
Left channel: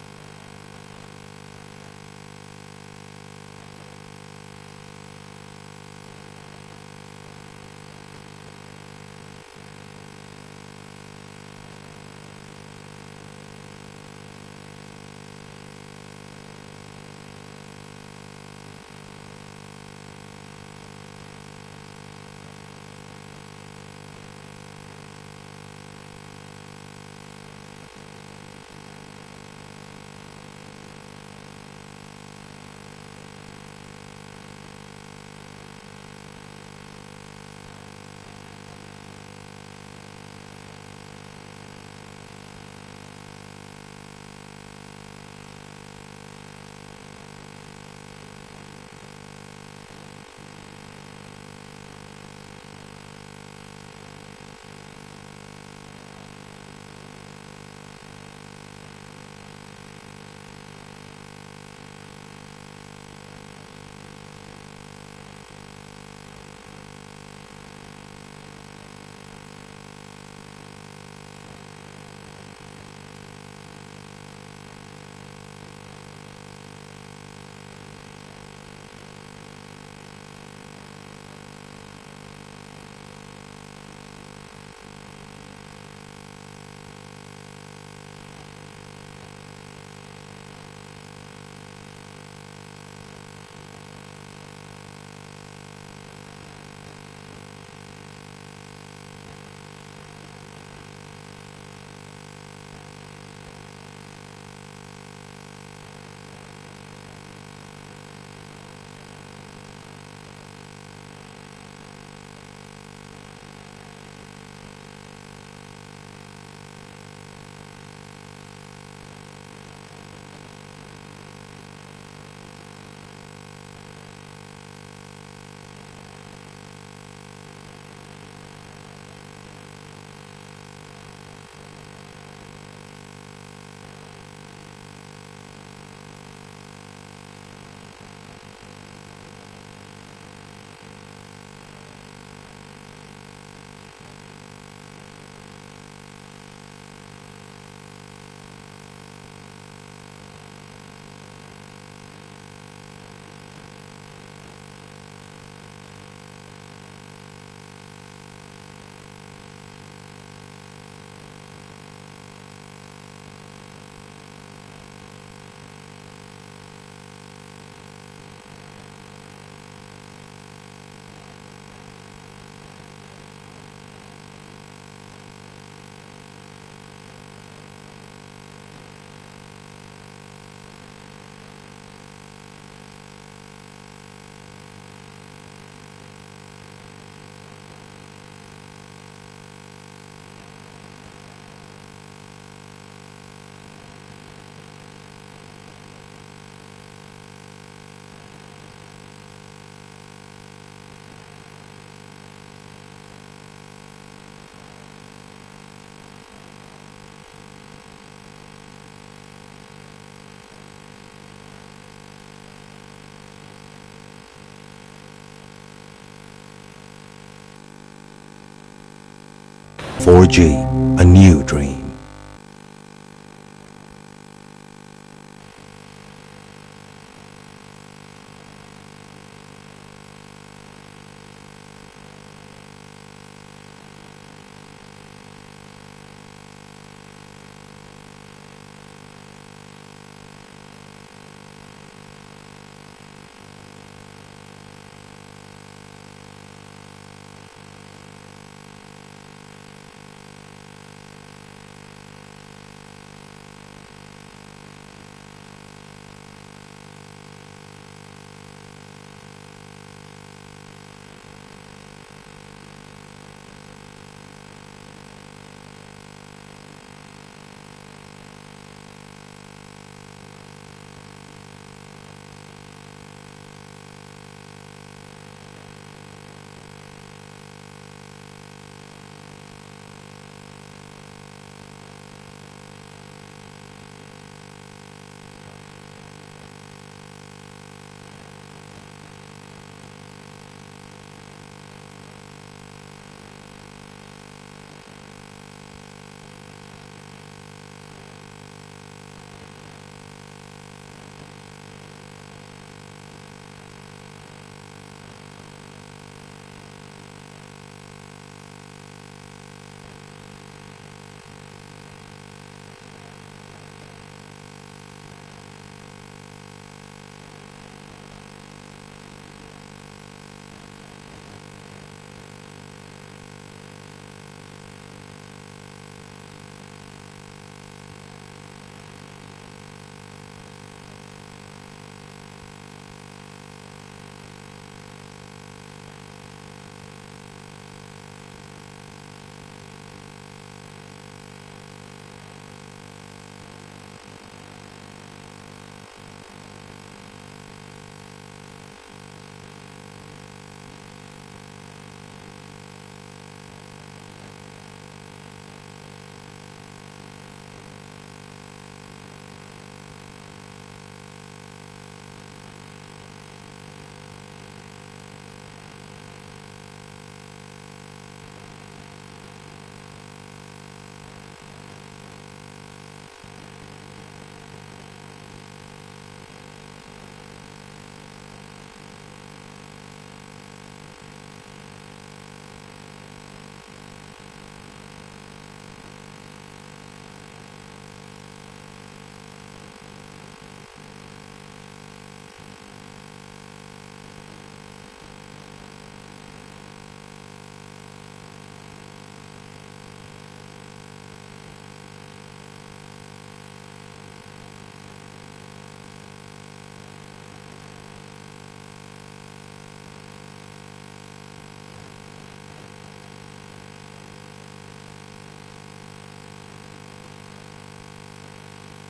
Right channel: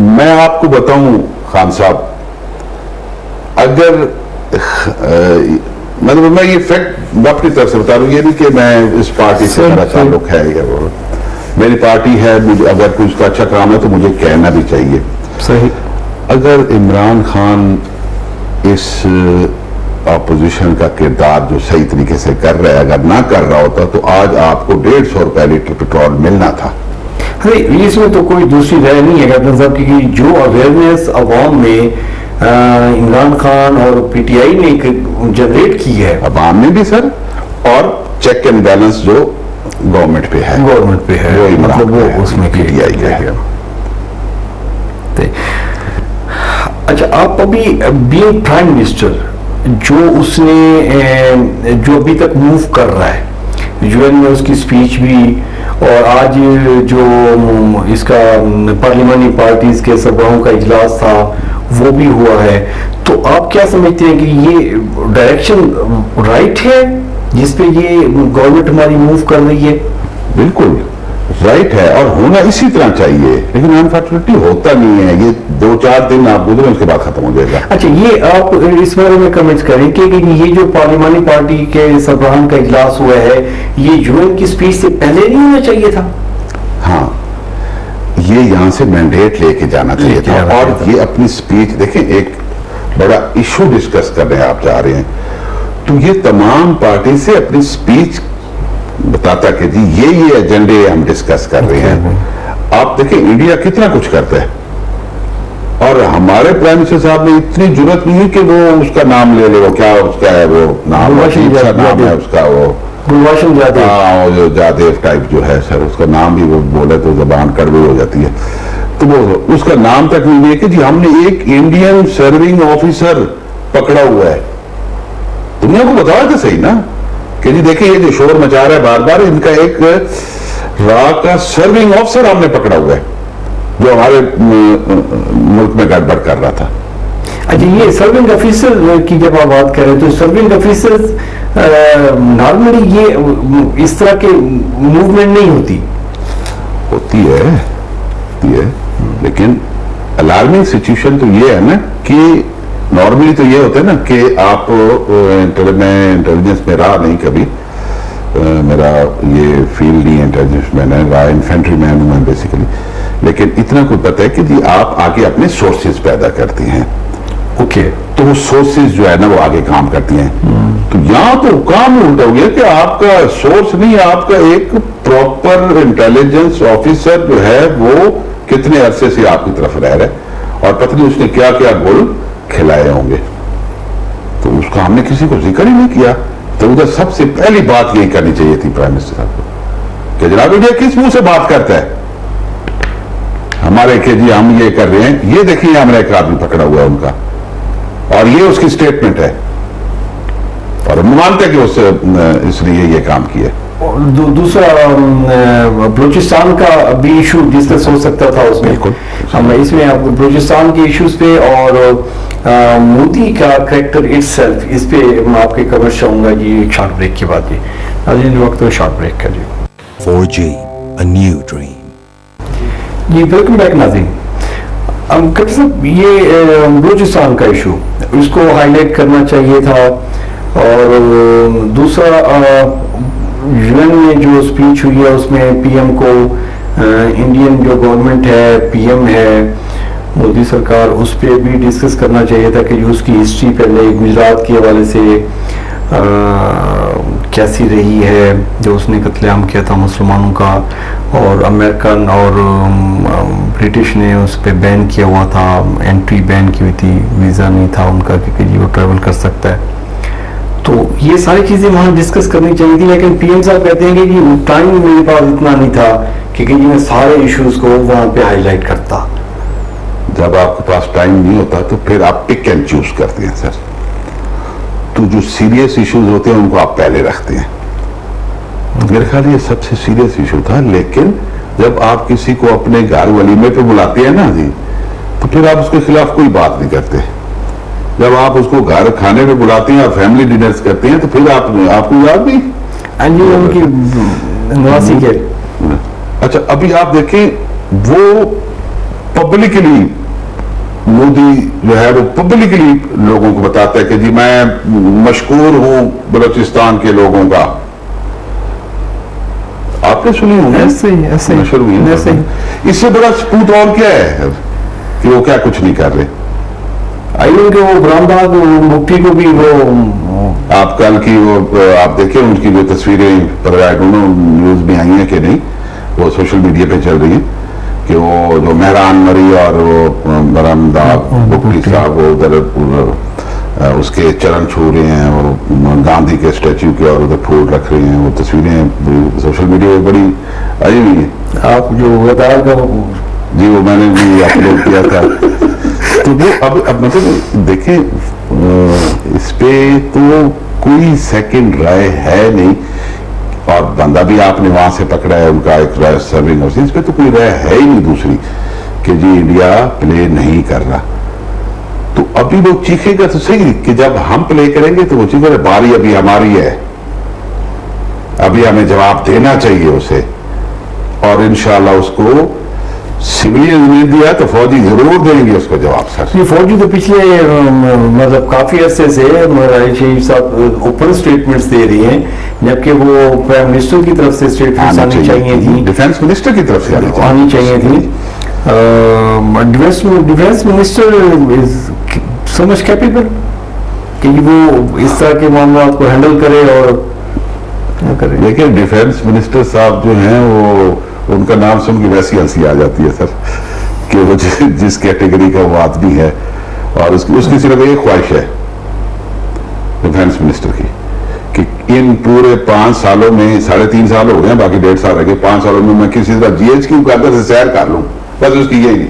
میں آپ کو بتاؤں خان صاحب, اگر مطلب میں یہ فیکٹ اپنی طرف سے بتا رہا ہوں, یہ نہیں کہ میں اس پارٹی سے میرا تعلق ہے یا وہ, میری پارٹی ہے, اگر کوئی اس کا اچھا کام ہے تو مجھے کہنا بھی چاہیے. صحیح. اگر عمران خان اس اپوزیشن کا کردار جو صحیح طریقے سے کر رہا ہے اگر نہ کر رہا ہوتا تو آج آپ کو 150 روپے لیٹر پیٹرول ملنا تھا. اس میں تو کوئی دوسری رائے نہیں ہے کیپٹن صاحب کی, جو اویئرنیس عوام میں عمران خان اور پی ٹی آئی نے جنریٹ کی ہے, عوام میں بھی سر, اور چیک اینڈ بیلنس جو گورنمنٹ پہ ہے وہ مطلب وہ اس میں پی ٹی آئی کا ہے. اچھا, آپ ابھی بینگ پرائم منسٹر جو اس نے جو ابھی تک موو کر رہا ہے, یو این میں اس کی اسپیچ بھی, اور آج جو اس کا پارلیمانی پارٹیز کے سربراہوں کا اجلاس تھا وہ بھی ہوا ہے, تو آپ کیا سمجھتے ہیں کہ یہ ڈائریکشن رائٹ ہے جس پہ یہ گورنمنٹ ہماری موو کر رہی ہے؟ بالکل. رائٹ ہے اور ہونا اسی طرح چاہیے، لیکن انفارچونیٹلی ہوتا نہیں ہے. یہ 2-4 دن آپ گزرے اس کے بعد ختم ہو جائے گا. اچھا، یہ آپ اس بارے میں کمنٹ کریں کہ یہ جو پارلیمانی پارٹی کے سربراہان کا اجلاس ہوا ہے، یہ UN کی سپیچ سے پہلے نہیں ہونا چاہیے تھا؟ ہاں، یہ یہاں سے مینڈیٹ لے کے جانا چاہیے تھا. اور یہ اپنی سپیچ دیکھیں، ایک بڑا ایشو ڈسکس کرنے آپ جا رہے ہیں، تو یہ تمام پارٹی سے اپنی سپیچ بتاتا کہ جی یہ ایجنڈے ہم ڈسکس کر رہے ہیں. آپ دیکھیں انڈیا کتنا کچھ کرتا ہے، اور ہمارے پرائم منسٹر صاحب نے اتنی جرت نہیں ہے کہ وہ اس کا نام لے لے. وہ کیا اس کا ہے، وہ نام عجیب سا نام ہے اس کا، وہ گلبھاشن جادیو. ہاں، وہ جو جادیو ٹائپ جو ہے سر، اس کا نام بھی وہ بولے تو زبان کڑوی ہو جاتی ہے. تو وہ اس کا نام تک نہیں ہے کہ جی ہم نے ایک انڈین سرونگ آفیسر پکڑا ہوا ہے. دنیا کو بتایا تو صحیح نا کہ جی دیکھیں یہ جو شور مچا رہا ہے بار بار، ان کا ایک را کا سرونگ آفیسر ہم نے پکڑا ہوا ہے جو ہمارے ملک میں گڑبڑ کر رہا تھا. اچھا، یہ سرونگ آفیسر کی جب آپ بات کر رہے ہیں تو سرونگ آفیسر نارملی یہ اس طرح کے موومنٹ نہیں ہوتی ہے لیکن الارمنگ سچویشن تو یہ ہے نا کہ نارملی تو یہ ہوتا ہے نا کہ آپ میں انٹیلیجنس میں رہا نہیں کبھی، میرا یہ فیلڈ نہیں ہے انٹیلیجنس میں، رہا انفینٹری مین ہوں میں بیسیکلی، لیکن اتنا کوئی پتہ ہے کہ جی آپ آگے اپنے سورسز پیدا کرتی ہیں. اوکے، تو وہ سورسز جو ہے نا وہ آگے کام کرتی ہیں. تو یہاں تو کام الٹا ہو گیا کہ آپ کا سورس نہیں، آپ کا ایک پراپر انٹیلیجنس آفیسر جو ہے وہ کتنے عرصے سے آپ کی طرف رہ رہے اور پتہ نہیں اس نے کیا کیا گول کھلائے ہوں گے. تو اس کا ہم نے کسی کو ذکر ہی نہیں کیا. تو ادھر سب سے پہلی بات یہی کرنی چاہیے تھی پرائم منسٹر صاحب کو کہ جناب انڈیا کس منہ سے بات کرتا ہے ہمارے کہ جی ہم یہ کر رہے ہیں. یہ دیکھیں ہمارا ایک آدمی پکڑا ہوا ہے ان کا، اور یہ اس کی سٹیٹمنٹ ہے، اور ہم مانتے ہیں کہ اس نے یہ کام کیا. دوسرا بلوچستان کا بھی ایشو ڈسکس ہو سکتا تھا اس میں. اس میں آپ بلوچستان کے ایشوز پہ اور مودی کا کریکٹر اٹ سیلف، اس پہ میں آپ کے کور چاہوں گا جی ایک شارٹ بریک کے بعد. ناظرین وقت میں شارٹ بریک کا جی. 4G, a new dream. جی ویلکم بیک ناظرین. کپٹر صاحب، یہ بلوچستان کا ایشو اس کو ہائی لائٹ کرنا چاہیے تھا. اور دوسرا UN میں جو اسپیچ ہوئی ہے اس میں پی ایم کو انڈین جو گورنمنٹ ہے، پی ایم ہے مودی سرکار، اس پہ بھی ڈسکس کرنا چاہیے تھا کہ جو اس کی ہسٹری پہلے گجرات کے حوالے سے کیسی رہی ہے، جو اس نے قتل عام کیا تھا مسلمانوں کا، اور امریکن اور برٹش نے اس پہ بین کیا ہوا تھا، انٹری بین کی ہوئی تھی، ویزا نہیں تھا ان کا کہ جی وہ ٹریول کر سکتا ہے. تو یہ ساری چیزیں وہاں ڈسکس کرنی چاہیے تھی، لیکن پی ایم صاحب کہتے ہیں کہ جی ٹائم میرے پاس اتنا نہیں تھا کہ جی میں سارے ایشوز کو وہاں پہ ہائی لائٹ کرتا. جب آپ کے پاس ٹائم نہیں ہوتا تو پھر آپ پک اینڈ چوز کرتے ہیں سر. تو جو سیریس ایشوز ہوتے ہیں ان کو آپ پہلے رکھتے ہیں. میرے خیال یہ سب سے سیریس ایشو تھا. لیکن جب آپ کسی کو اپنے گھر ولیمے پہ بلاتے ہیں نا جی، تو پھر آپ اس کے خلاف کوئی بات نہیں کرتے. جب آپ اس کو گھر کھانے پہ بلاتے ہیں اور فیملی ڈنرز کرتے ہیں تو پھر آپ کو یاد نہیں ان کی نواسی کے. اچھا، ابھی آپ دیکھیں وہ پبلکلی مودی جو ہے وہ پبلکلی لوگوں کو بتاتا ہے کہ جی میں مشکور ہوں بلوچستان کے لوگوں کا. آپ نے سنی ہوں گے؟ اس سے بڑا ثبوت اور کیا ہے کہ وہ کیا کچھ نہیں کر رہے. کہ وہ برامداد مفتی کو بھی وہ آپ کل کی وہ آپ دیکھیں ان کی جو تصویریں نیوز میں آئی ہیں کہ نہیں، وہ سوشل میڈیا پہ چل رہی ہیں کہ وہ جو مہران مری اور وہ برامداد مفتی صاحب وہ ادھر اس کے چرن چھو رہے ہیں اور گاندھی کے اسٹیچو کے اور ادھر پھول رکھ رہے ہیں. وہ تصویریں سوشل میڈیا پہ بڑی آئی ہوئی ہیں. آپ جو وزار کا جی وہ میں نے بھی اپلوڈ کیا تھا. تو وہ اب مطلب دیکھیں اس پہ تو کوئی سیکنڈ رائے ہے نہیں، اور بندہ بھی آپ نے وہاں سے پکڑا ہے ان کا ایک رائے سرونگ، اس پہ تو کوئی رائے ہے ہی نہیں دوسری کہ جی انڈیا پلے نہیں کر رہا. تو ابھی وہ چیخے گا تو صحیح کہ جب ہم پلے کریں گے تو وہ چیخے گا باری ابھی ہماری ہے، ابھی ہمیں جواب دینا چاہیے اسے. اور انشاءاللہ اس کو سویلین نے دیا تو فوجی ضرور دیں گے اس کو جواب سر. یہ فوجی تو پچھلے مطلب کافی عرصے سے شہید صاحب اوپن اسٹیٹمنٹس دے رہی ہیں، جبکہ وہ پرائم منسٹر کی طرف سے اسٹیٹمنٹس آنی چاہیے تھی، ڈیفینس منسٹر کی طرف سے آنی چاہیے تھی. Defence minister is so much capable کہ وہ اس طرح کے معاملات کو ہینڈل کرے اور کرے. لیکن ڈیفینس منسٹر صاحب جو ہیں وہ ان کا نام سن کے ویسی ہنسی آ جاتی ہے سر کہ وہ جس کیٹیگری کا وہ آدمی ہے، اور اس کی صرف ایک خواہش ہے ڈیفینس منسٹر کی کہ ان پورے 5 سالوں میں 3.5 سال ہو گئے ہیں، باقی 1.5 سال رہ گئے، 5 سالوں میں میں کسی طرح GH کی قدر سے سیر کر لوں، بس اس کی یہی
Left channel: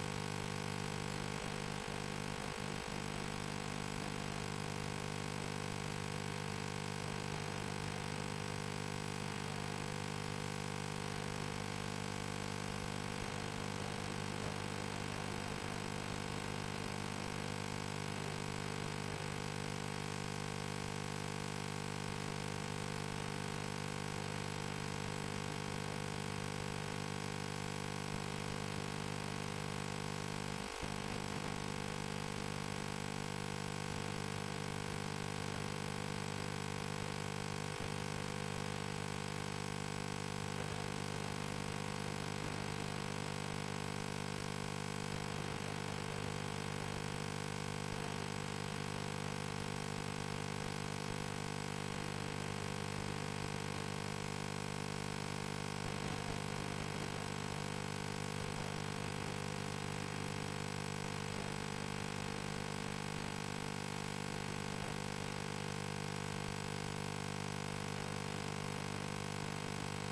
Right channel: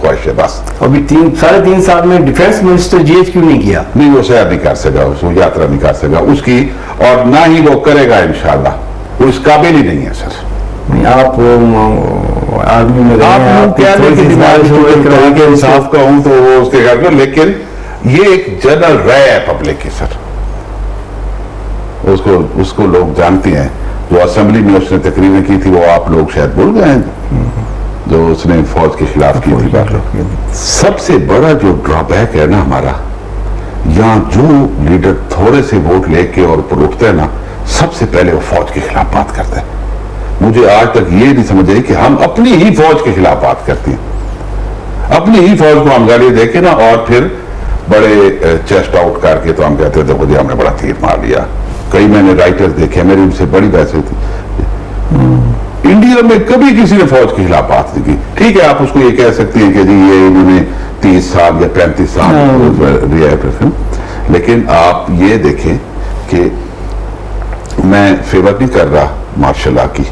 خواہش ہے بس. ابھی 3.5 سال میں ڈیفینس منسٹر GH کیوں نہیں کیا؟ نہیں، وہ سیر نہیں کر سکا، اس کو یاترا نہیں کر سکا اس کی، اور نہ ہی وہ کرے گا انشاءاللہ، وہ اس قابل ہی نہیں ہے سر. آپ آدمی میں انصاف کا ہوں تو وہ اس کے گھر میں، لیکن یہ ایک جنرل رائے ہے پبلک کی سر، اس کو لوگ جانتے ہیں. جو اسمبلی میں اس نے تقریریں کی تھی وہ آپ لوگ شاید بھول گئے ہیں، جو اس نے فوج کے خلاف کی تھی. سب سے بڑا جو ڈرا بیک ہے نا ہمارا، یہاں جو لیڈر تھوڑے سے ووٹ لے کے اور اوپر اٹھتے ہیں نا، سب سے پہلے وہ فوج کے خلاف بات کرتے ہیں. مجھے آج تک یہ نہیں سمجھ آئی کہ ہم اپنی ہی فوج کے خلاف بات کرتے ہیں، اپنی ہی فوج کو ہم گالی دے کے نا، اور پھر بڑے چیسٹ آؤٹ کر کے تو ہم کہتے ہیں دیکھو جی ہم نے بڑا تیر مار لیا. کئی میں نے رائٹر دیکھے، میری ان سے بڑی بحث ہوئی تھی. انڈیا میں کبھی کسی نے فوج کے خلاف بات نہیں کی. ٹھیک ہے آپ اس کو یہ کہہ سکتے ہیں کہ جی یہ انہوں نے 30 سال یا 35 سال ریا ہے، لیکن آپ یہ دیکھیں کہ میں فیور نہیں کر رہا مارشل لا کی،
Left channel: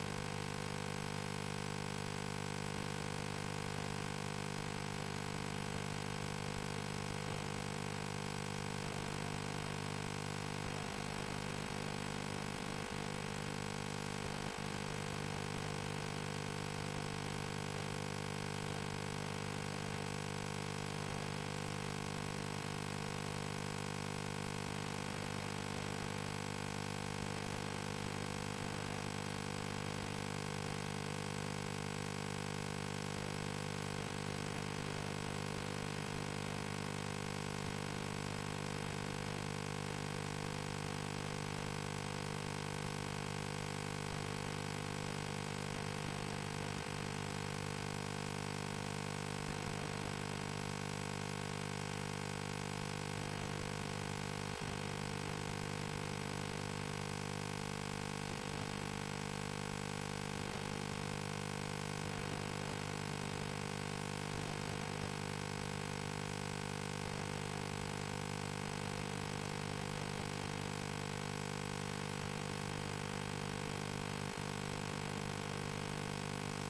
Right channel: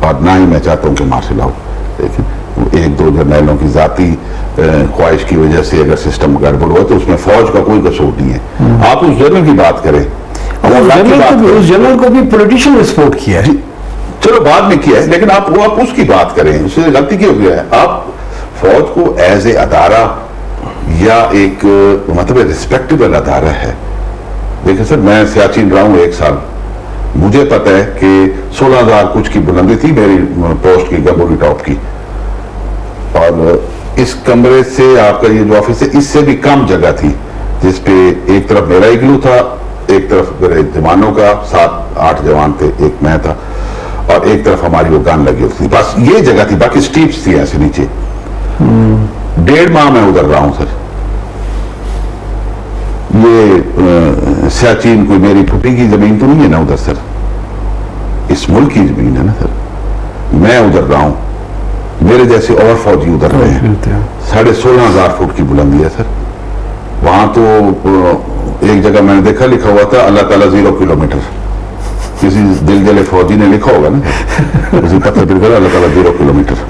اور نہ ہی میں چاہتا ہوں کہ مارشل لا ہو، لیکن 1-2 جرنیلوں کی ذاتی خواہش کی وجہ سے اگر سسٹم گڑبڑ ہوا تو اس میں فوج کا کوئی قصور نہیں ہے. آپ اس جنرل کی بات کریں، اس جنرل کو بھی پولیٹیشین نے سپورٹ کیا ہے، چلو بعد میں کیا ہے، لیکن آپ اس کی بات کریں. اس سے غلطی کیا ہو گیا ہے؟ آپ فوج کو ایز اے ادارہ یا ایک مطلب ریسپیکٹیبل ادارہ ہے. دیکھیں سر، میں سیاچین رہا ہوں 1 سال، مجھے پتہ ہے کہ 16,000 کچھ کی بلندی تھی میری پوسٹ کی، گبوری ٹاپ کی، اور اس کمرے سے آپ کا یہ جو آفس ہے اس سے بھی کم جگہ تھی، جس پہ ایک طرف میرا اگلو تھا، ایک طرف میرے جوانوں کا 7-8 جوان تھے، ایک میں تھا، اور ایک طرف ہماری وہ گن لگی ہوتی تھی. بس یہ جگہ تھی، باقی سٹیپس تھی ایسے نیچے. 1.5 ماہ میں ادھر رہا ہوں سر. یہ سیاچین کوئی میری پھوپھی کی زمین تو نہیں ہے نا ادھر سر، اس ملک کی زمین ہے نا سر. میں ادھر رہا ہوں، میرے جیسے اور فوجی ادھر رہے ہیں. 16,500 فٹ کی بلندی ہے سر. وہاں تو ایک جگہ میں نے دیکھا لکھا ہوا تھا اللہ تعالیٰ 0 کلومیٹر. کسی دل جلے فوجی نے لکھا ہوگا نا کسی پتھر پر کر اللہ تعالیٰ 0 کلومیٹر.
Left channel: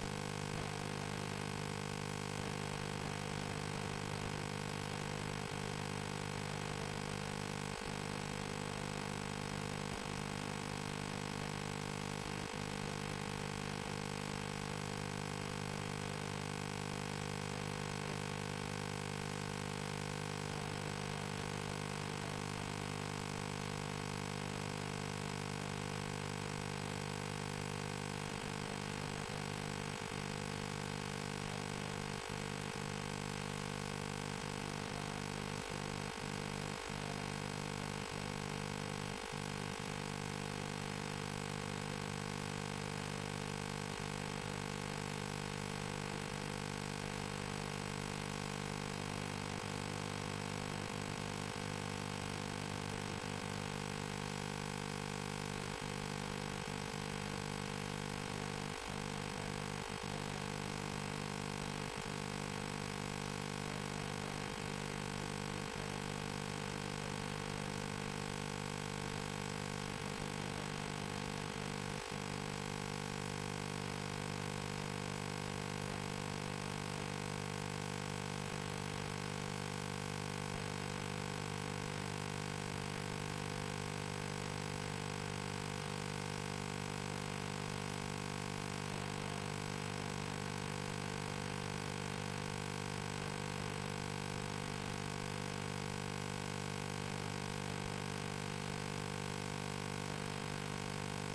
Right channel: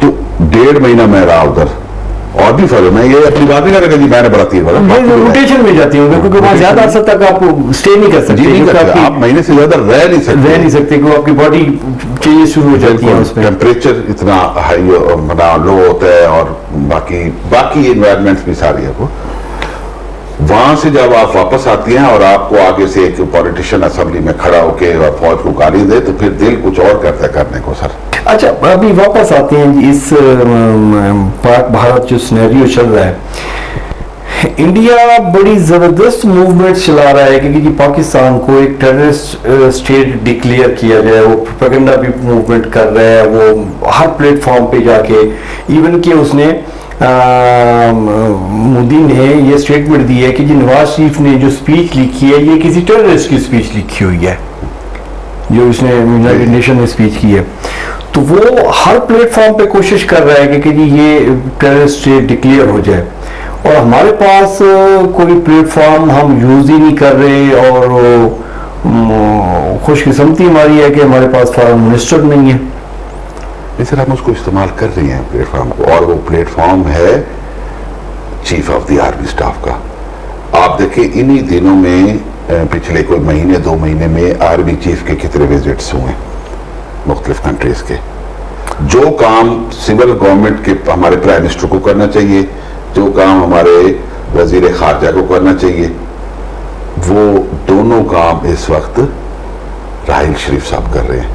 تو 1.5 مہینہ میں رہا ادھر. اور بھی فرق، میں یہ اپنی بات نہیں کر رہا کہ جی میں نے بڑا تیر مارا، روٹیشن میں جاتی ہوں کیونکہ وہاں زیادہ عرصہ تک آپ اسٹے نہیں کر سکتے، آپ مہینے سے زیادہ رہ نہیں سکتے کیونکہ آپ کی باڈی چینجز شروع ہو جاتی ہے، ٹیمپریچر اتنا ہائی لو ہوتا ہے، اور باقی انوائرمنٹس بھی ساری ہے. وہ وہاں سے جب آپ واپس آتی ہیں اور آپ کو آگے سے ایک پولیٹیشین اسمبلی میں کھڑا ہو کے اور فوج کو گالی دے تو پھر دل کچھ اور کرتا ہے کرنے کو سر. اچھا ابھی واپس آتے ہیں اس پاک بھارت جو سینیریو چل رہا ہے، انڈیا بڑی زبردست موومنٹ چلا رہا ہے کہ پاکستان کو ایک ٹیررسٹ اسٹیٹ ڈکلیئر کیا جائے. وہ پروپیگنڈا بھی موومنٹ کر رہا ہے، وہ ہر پلیٹ فارم پہ جا کے، ایون کہ اس نے مودی نے یہ سٹیٹمنٹ دی ہے کہ نواز شریف نے جو سپیچ لکھی ہے یہ کسی ٹیررسٹ کی سپیچ لکھی ہوئی ہے جو اس نے یونائیٹڈ نیشن میں سپیچ کی ہے. تو وہ ہر پلیٹ فارم پہ کوشش کر رہا ہے کہ یہ ٹیررسٹ اسٹیٹ ڈکلیئر ہو جائے، اور ہمارے پاس کوئی پلیٹ فارم ہم یوز ہی نہیں کر رہے، اور خوش قسمتی ہماری ہے کہ ہمارے پاس فارن منسٹر نہیں ہے. سر ہم اس کو استعمال کر رہے ہیں پلیٹ فارم کو، اور وہ پلیٹ فارم ہے chief of the army staff کا. آپ دیکھیں انہی دنوں میں پچھلے کوئی مہینے 2 مہینے میں آرمی چیف کے کتنے وزٹس ہوئے مختلف کنٹریز کے. جو کام سول گورنمنٹ کے ہمارے پرائم منسٹر کو کرنا چاہیے، جو کام ہمارے وزیر خارجہ کو کرنا چاہیے، وہ دونوں کام اس وقت راحیل شریف صاحب کر رہے ہیں.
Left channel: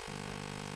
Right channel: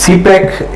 CPEC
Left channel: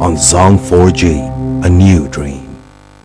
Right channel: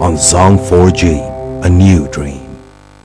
on Zong 4G, a new dream.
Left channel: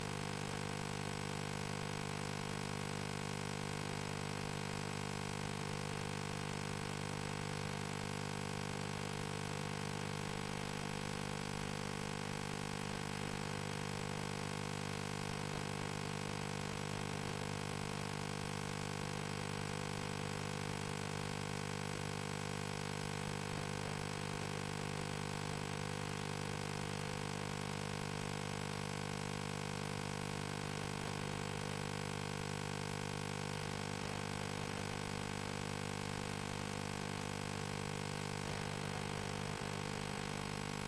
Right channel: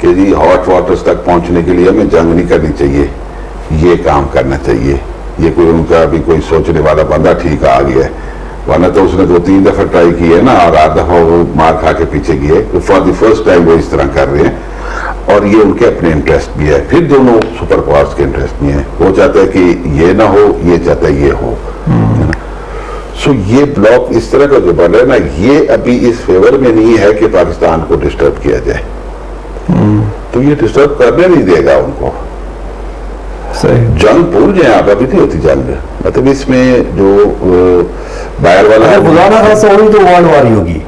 کہ جی ہاٹ واٹرز تک پہنچنے کے لیے ہمیں جنگ نہیں کرنی چاہیے, یہ کام کرنا چاہیے. یہ کوئی ان کا بھی کوئی سوچنے والا بندہ ٹھیک آ گیا ہے, ورنہ تو اس نے 2-3 دفعہ ٹرائی کی ہے نا, اور 8 دفعہ وہ مار کھا کے پیچھے گئے. فار دی فرسٹ ٹائم وہ اس طرح کر رہے ہیں, اور یہ ان کے اپنے انٹرسٹ بھی ہے. پھر دونوں سپر پاورز کے انٹرسٹ بھی ہیں. وہ چاہتا ہے کہ یہ نہ ہو, یہ چاہتا ہے یہ ہو. سو یہ بلاک اس طرح کا جو بن رہا ہے نا, یہ ابھی اس فیور میں نہیں ہے کہ پاکستان کو ڈسٹرب کیا جائے. تو یہ ڈسٹرب کرنے نہیں دے گا ان کو. جنگ بھول جائیں آپ, ابھی نہیں ہوتی جنگ. مطلب اس میں جو باہر والا ہوگی تو ورلڈ وار ہی ہوگی.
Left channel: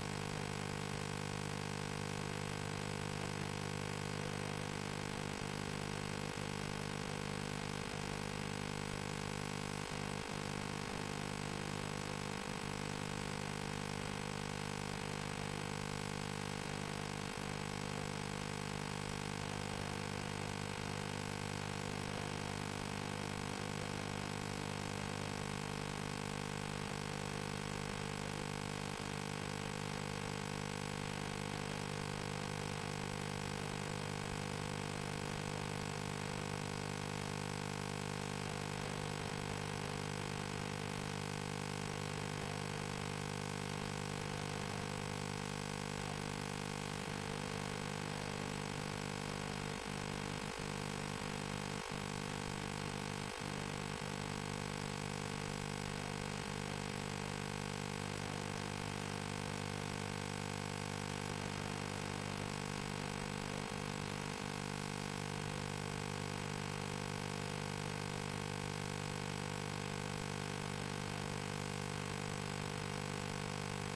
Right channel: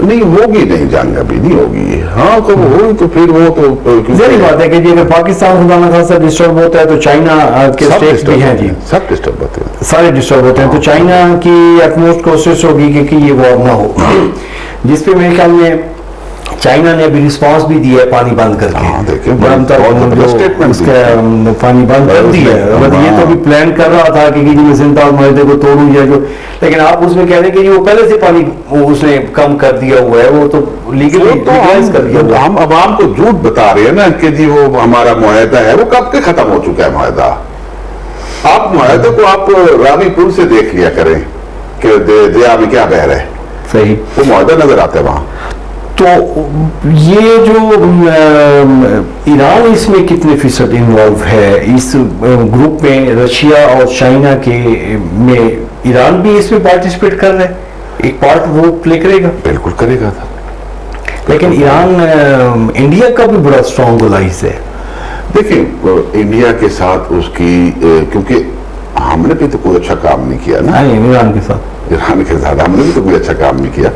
نہیں ہوگی, نہیں جنگ ابھی نہیں ہوگی. ہاں کب ہوئی تو پھر وہ تو ظاہری بات ہے کہ جی اگر پاکستان خدا نہ خاصا ڈسٹرب ہوتا ہے تو چائنا کے اسٹیٹس بھی ہیں جی, سب ڈسٹرب ہوتے ہیں, سارے ڈسٹرب ہوتے ہیں. تو چائنا کی اٹموسٹ کوشش ہوگی کہ یہ وار نہ ہو, جس پہ میرے خیال میں چائنا نے ابھی رسپانس بھی دیا ہے پانی بند کر کے. پانی بند کر دیا ہے. یہ تو ابھی پلان کر رہا تھا کہ جی میں سنتاز معاہدے کو توڑوں یا جو, لیکن آپ اس میں کہہ رہے ہیں کہ جی وہ پہلے سے پانی اس نے کم کر دیا ہوا ہے, وہ تو لیگلائز کر دیا ہوا ہے. ہم عوام کو جھوٹ بتا رہے ہیں نا کہ جی وہ ہمارا معاہدہ ہے, وہ کب کے ختم ہو چکا ہے معاہدہ. آپ معاہدے کو آپ راوی پور سے دیکھ لیا کریں کہ دریا میں کیا بہ رہا ہے. صحیح, وہ معاہدہ نظر آتا ہے وہاں. تو یہ جو ایران اس میں کتنے فیصد انوالو ہے اس گروپ میں, رشیا اور چائنا کے میں ایران بھی اس میں پارٹیسپیٹ کر رہا ہے, ایک پارٹ وہ پلے کرے گا؟ بالکل کرے گا. لیکن ایران انڈیا کا بھی بڑا اسٹرانگ الائز ہے. دیکھیں انڈیا کے ساتھ اس کی, کیونکہ ہم نے بھی تو کوئی اچھا کام نہیں کیا نا ایران کے ساتھ ہم نے بھی تو کوئی اچھا کام نہیں کیا.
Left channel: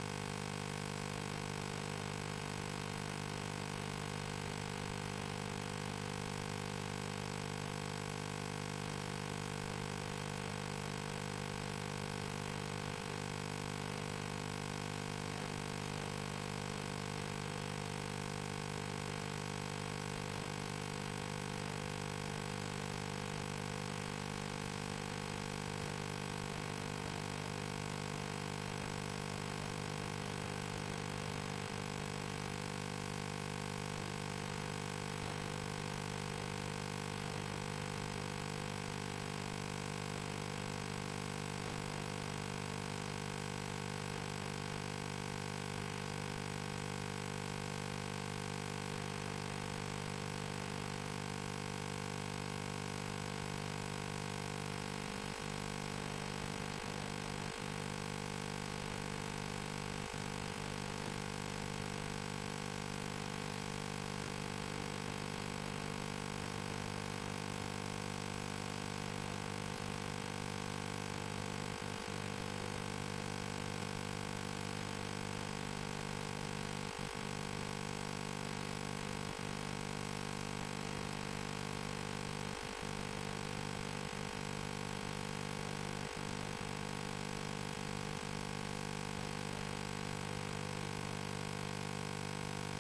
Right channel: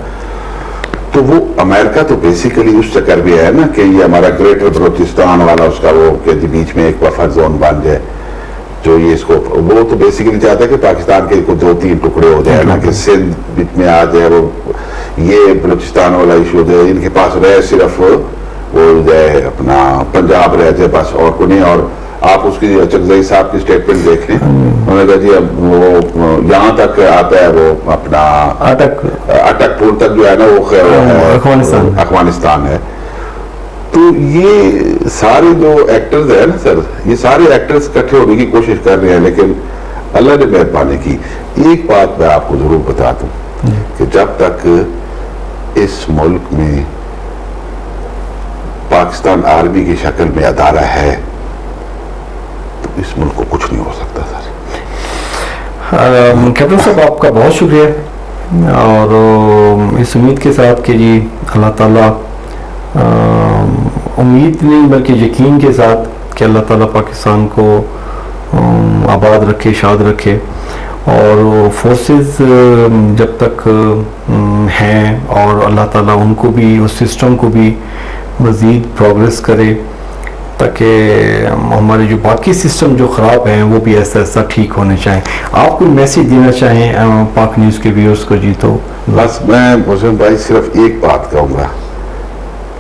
تو وہ امریکہ تو بیسیکلی اس چکر بھی ہے نا کہ یہ ہمارا گریٹر بلوچستان والا اس کا وہ کہ بیچ میں ایک بفر زون بن جائے, جو یہ اس کو, وہ تو بیسیکلی چاہتا ہے کہ پاکستان کے 2-3 ٹکڑے ہو جائے نا, کہ سندھ بیچ میں آ جائے, وہ یہ بلوچستان والا ایشو ہو جائے, ان کے پاس رہے صرف وہ جائے اپنا پنجاب رہ جائے بس, اور کو نہیں. اور آپ اس کی چکزئی صاحب کی سٹیٹمنٹ دیکھ لیں, انہوں نے کہا جی اب وہ یہاں تک آتا ہے, وہ اپنا اٹک پور تک جو ہے نا وہ افغانستان ہے. تو یہ سارے جو ایکٹرز ہیں نا سر, یہ سارے ایکٹرز اکٹھے ہونے کی کوشش کر رہے ہیں, لیکن اللہ نے مہربانی کی. ایک بات میں آپ کو ضرور بتا دوں کہ جب تک اس ملک میں پاکستان آرمی کی شکل میں ادارہ ہے تو اس ملک کو کچھ نہیں ہو سکتا سر. کیپٹن صاحب آپ کا بہت شکریہ, اور اس امید کے ساتھ کہ جی اللہ تعالیٰ, امید نہیں بلکہ یقین کے ساتھ کہ اللہ تعالیٰ پاکستان کو آباد رکھے, شاد رکھے, اور فورسز جب تک ہیں اور اللہ تعالیٰ ان کو بھی, اس سسٹم کو بھی مزید پروگریس کرے, تاکہ ہمارے جو باقی سسٹم جو خراب ہیں وہ بھی ایسا ایسا ٹھیک ہونے چاہیں. آپ کوئی میسیج دینا چاہیں پاک نیوز کے ویورز کو؟ جی تو بس میں محسن بھائی صرف ایک بات کہوں گا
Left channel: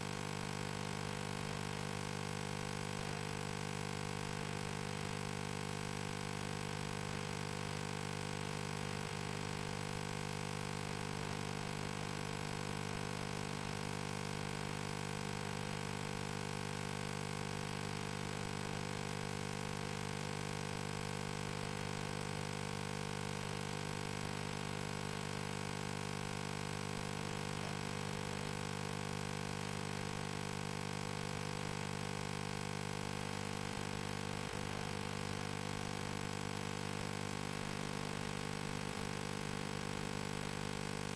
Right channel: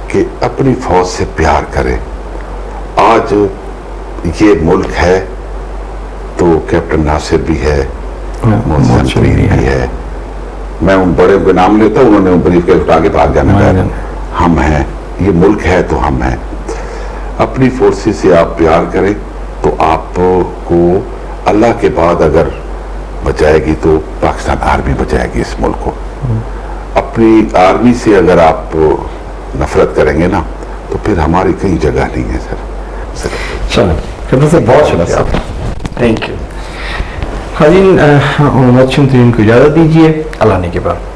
کہ اپنی فوج سے پیار کریں. آج یہ ملک ہے تو کیپٹن ناصر بھی ہے, محسن فرید بھی ہے, میں ان بڑے کے نام لیتا ہوں, انہوں نے بریف کے اٹھا کے بھاگ جانا ہے. ہم ہیں, یہ ملک ہے تو ہم ہیں. اپنی فورسز سے آپ پیار کریں تو آپ کو اللہ کے بعد اگر بچائے گی تو پاکستان آرمی بچائے گی اس ملک کو. اپنی آرمی سے اگر آپ نفرت کریں گے نا تو پھر ہماری کئی جگہ نہیں ہے سر. چلیں بہت شکریہ, تھینک یو. خاجین کو اجازت دیجیے, اللہ نے کے بعد.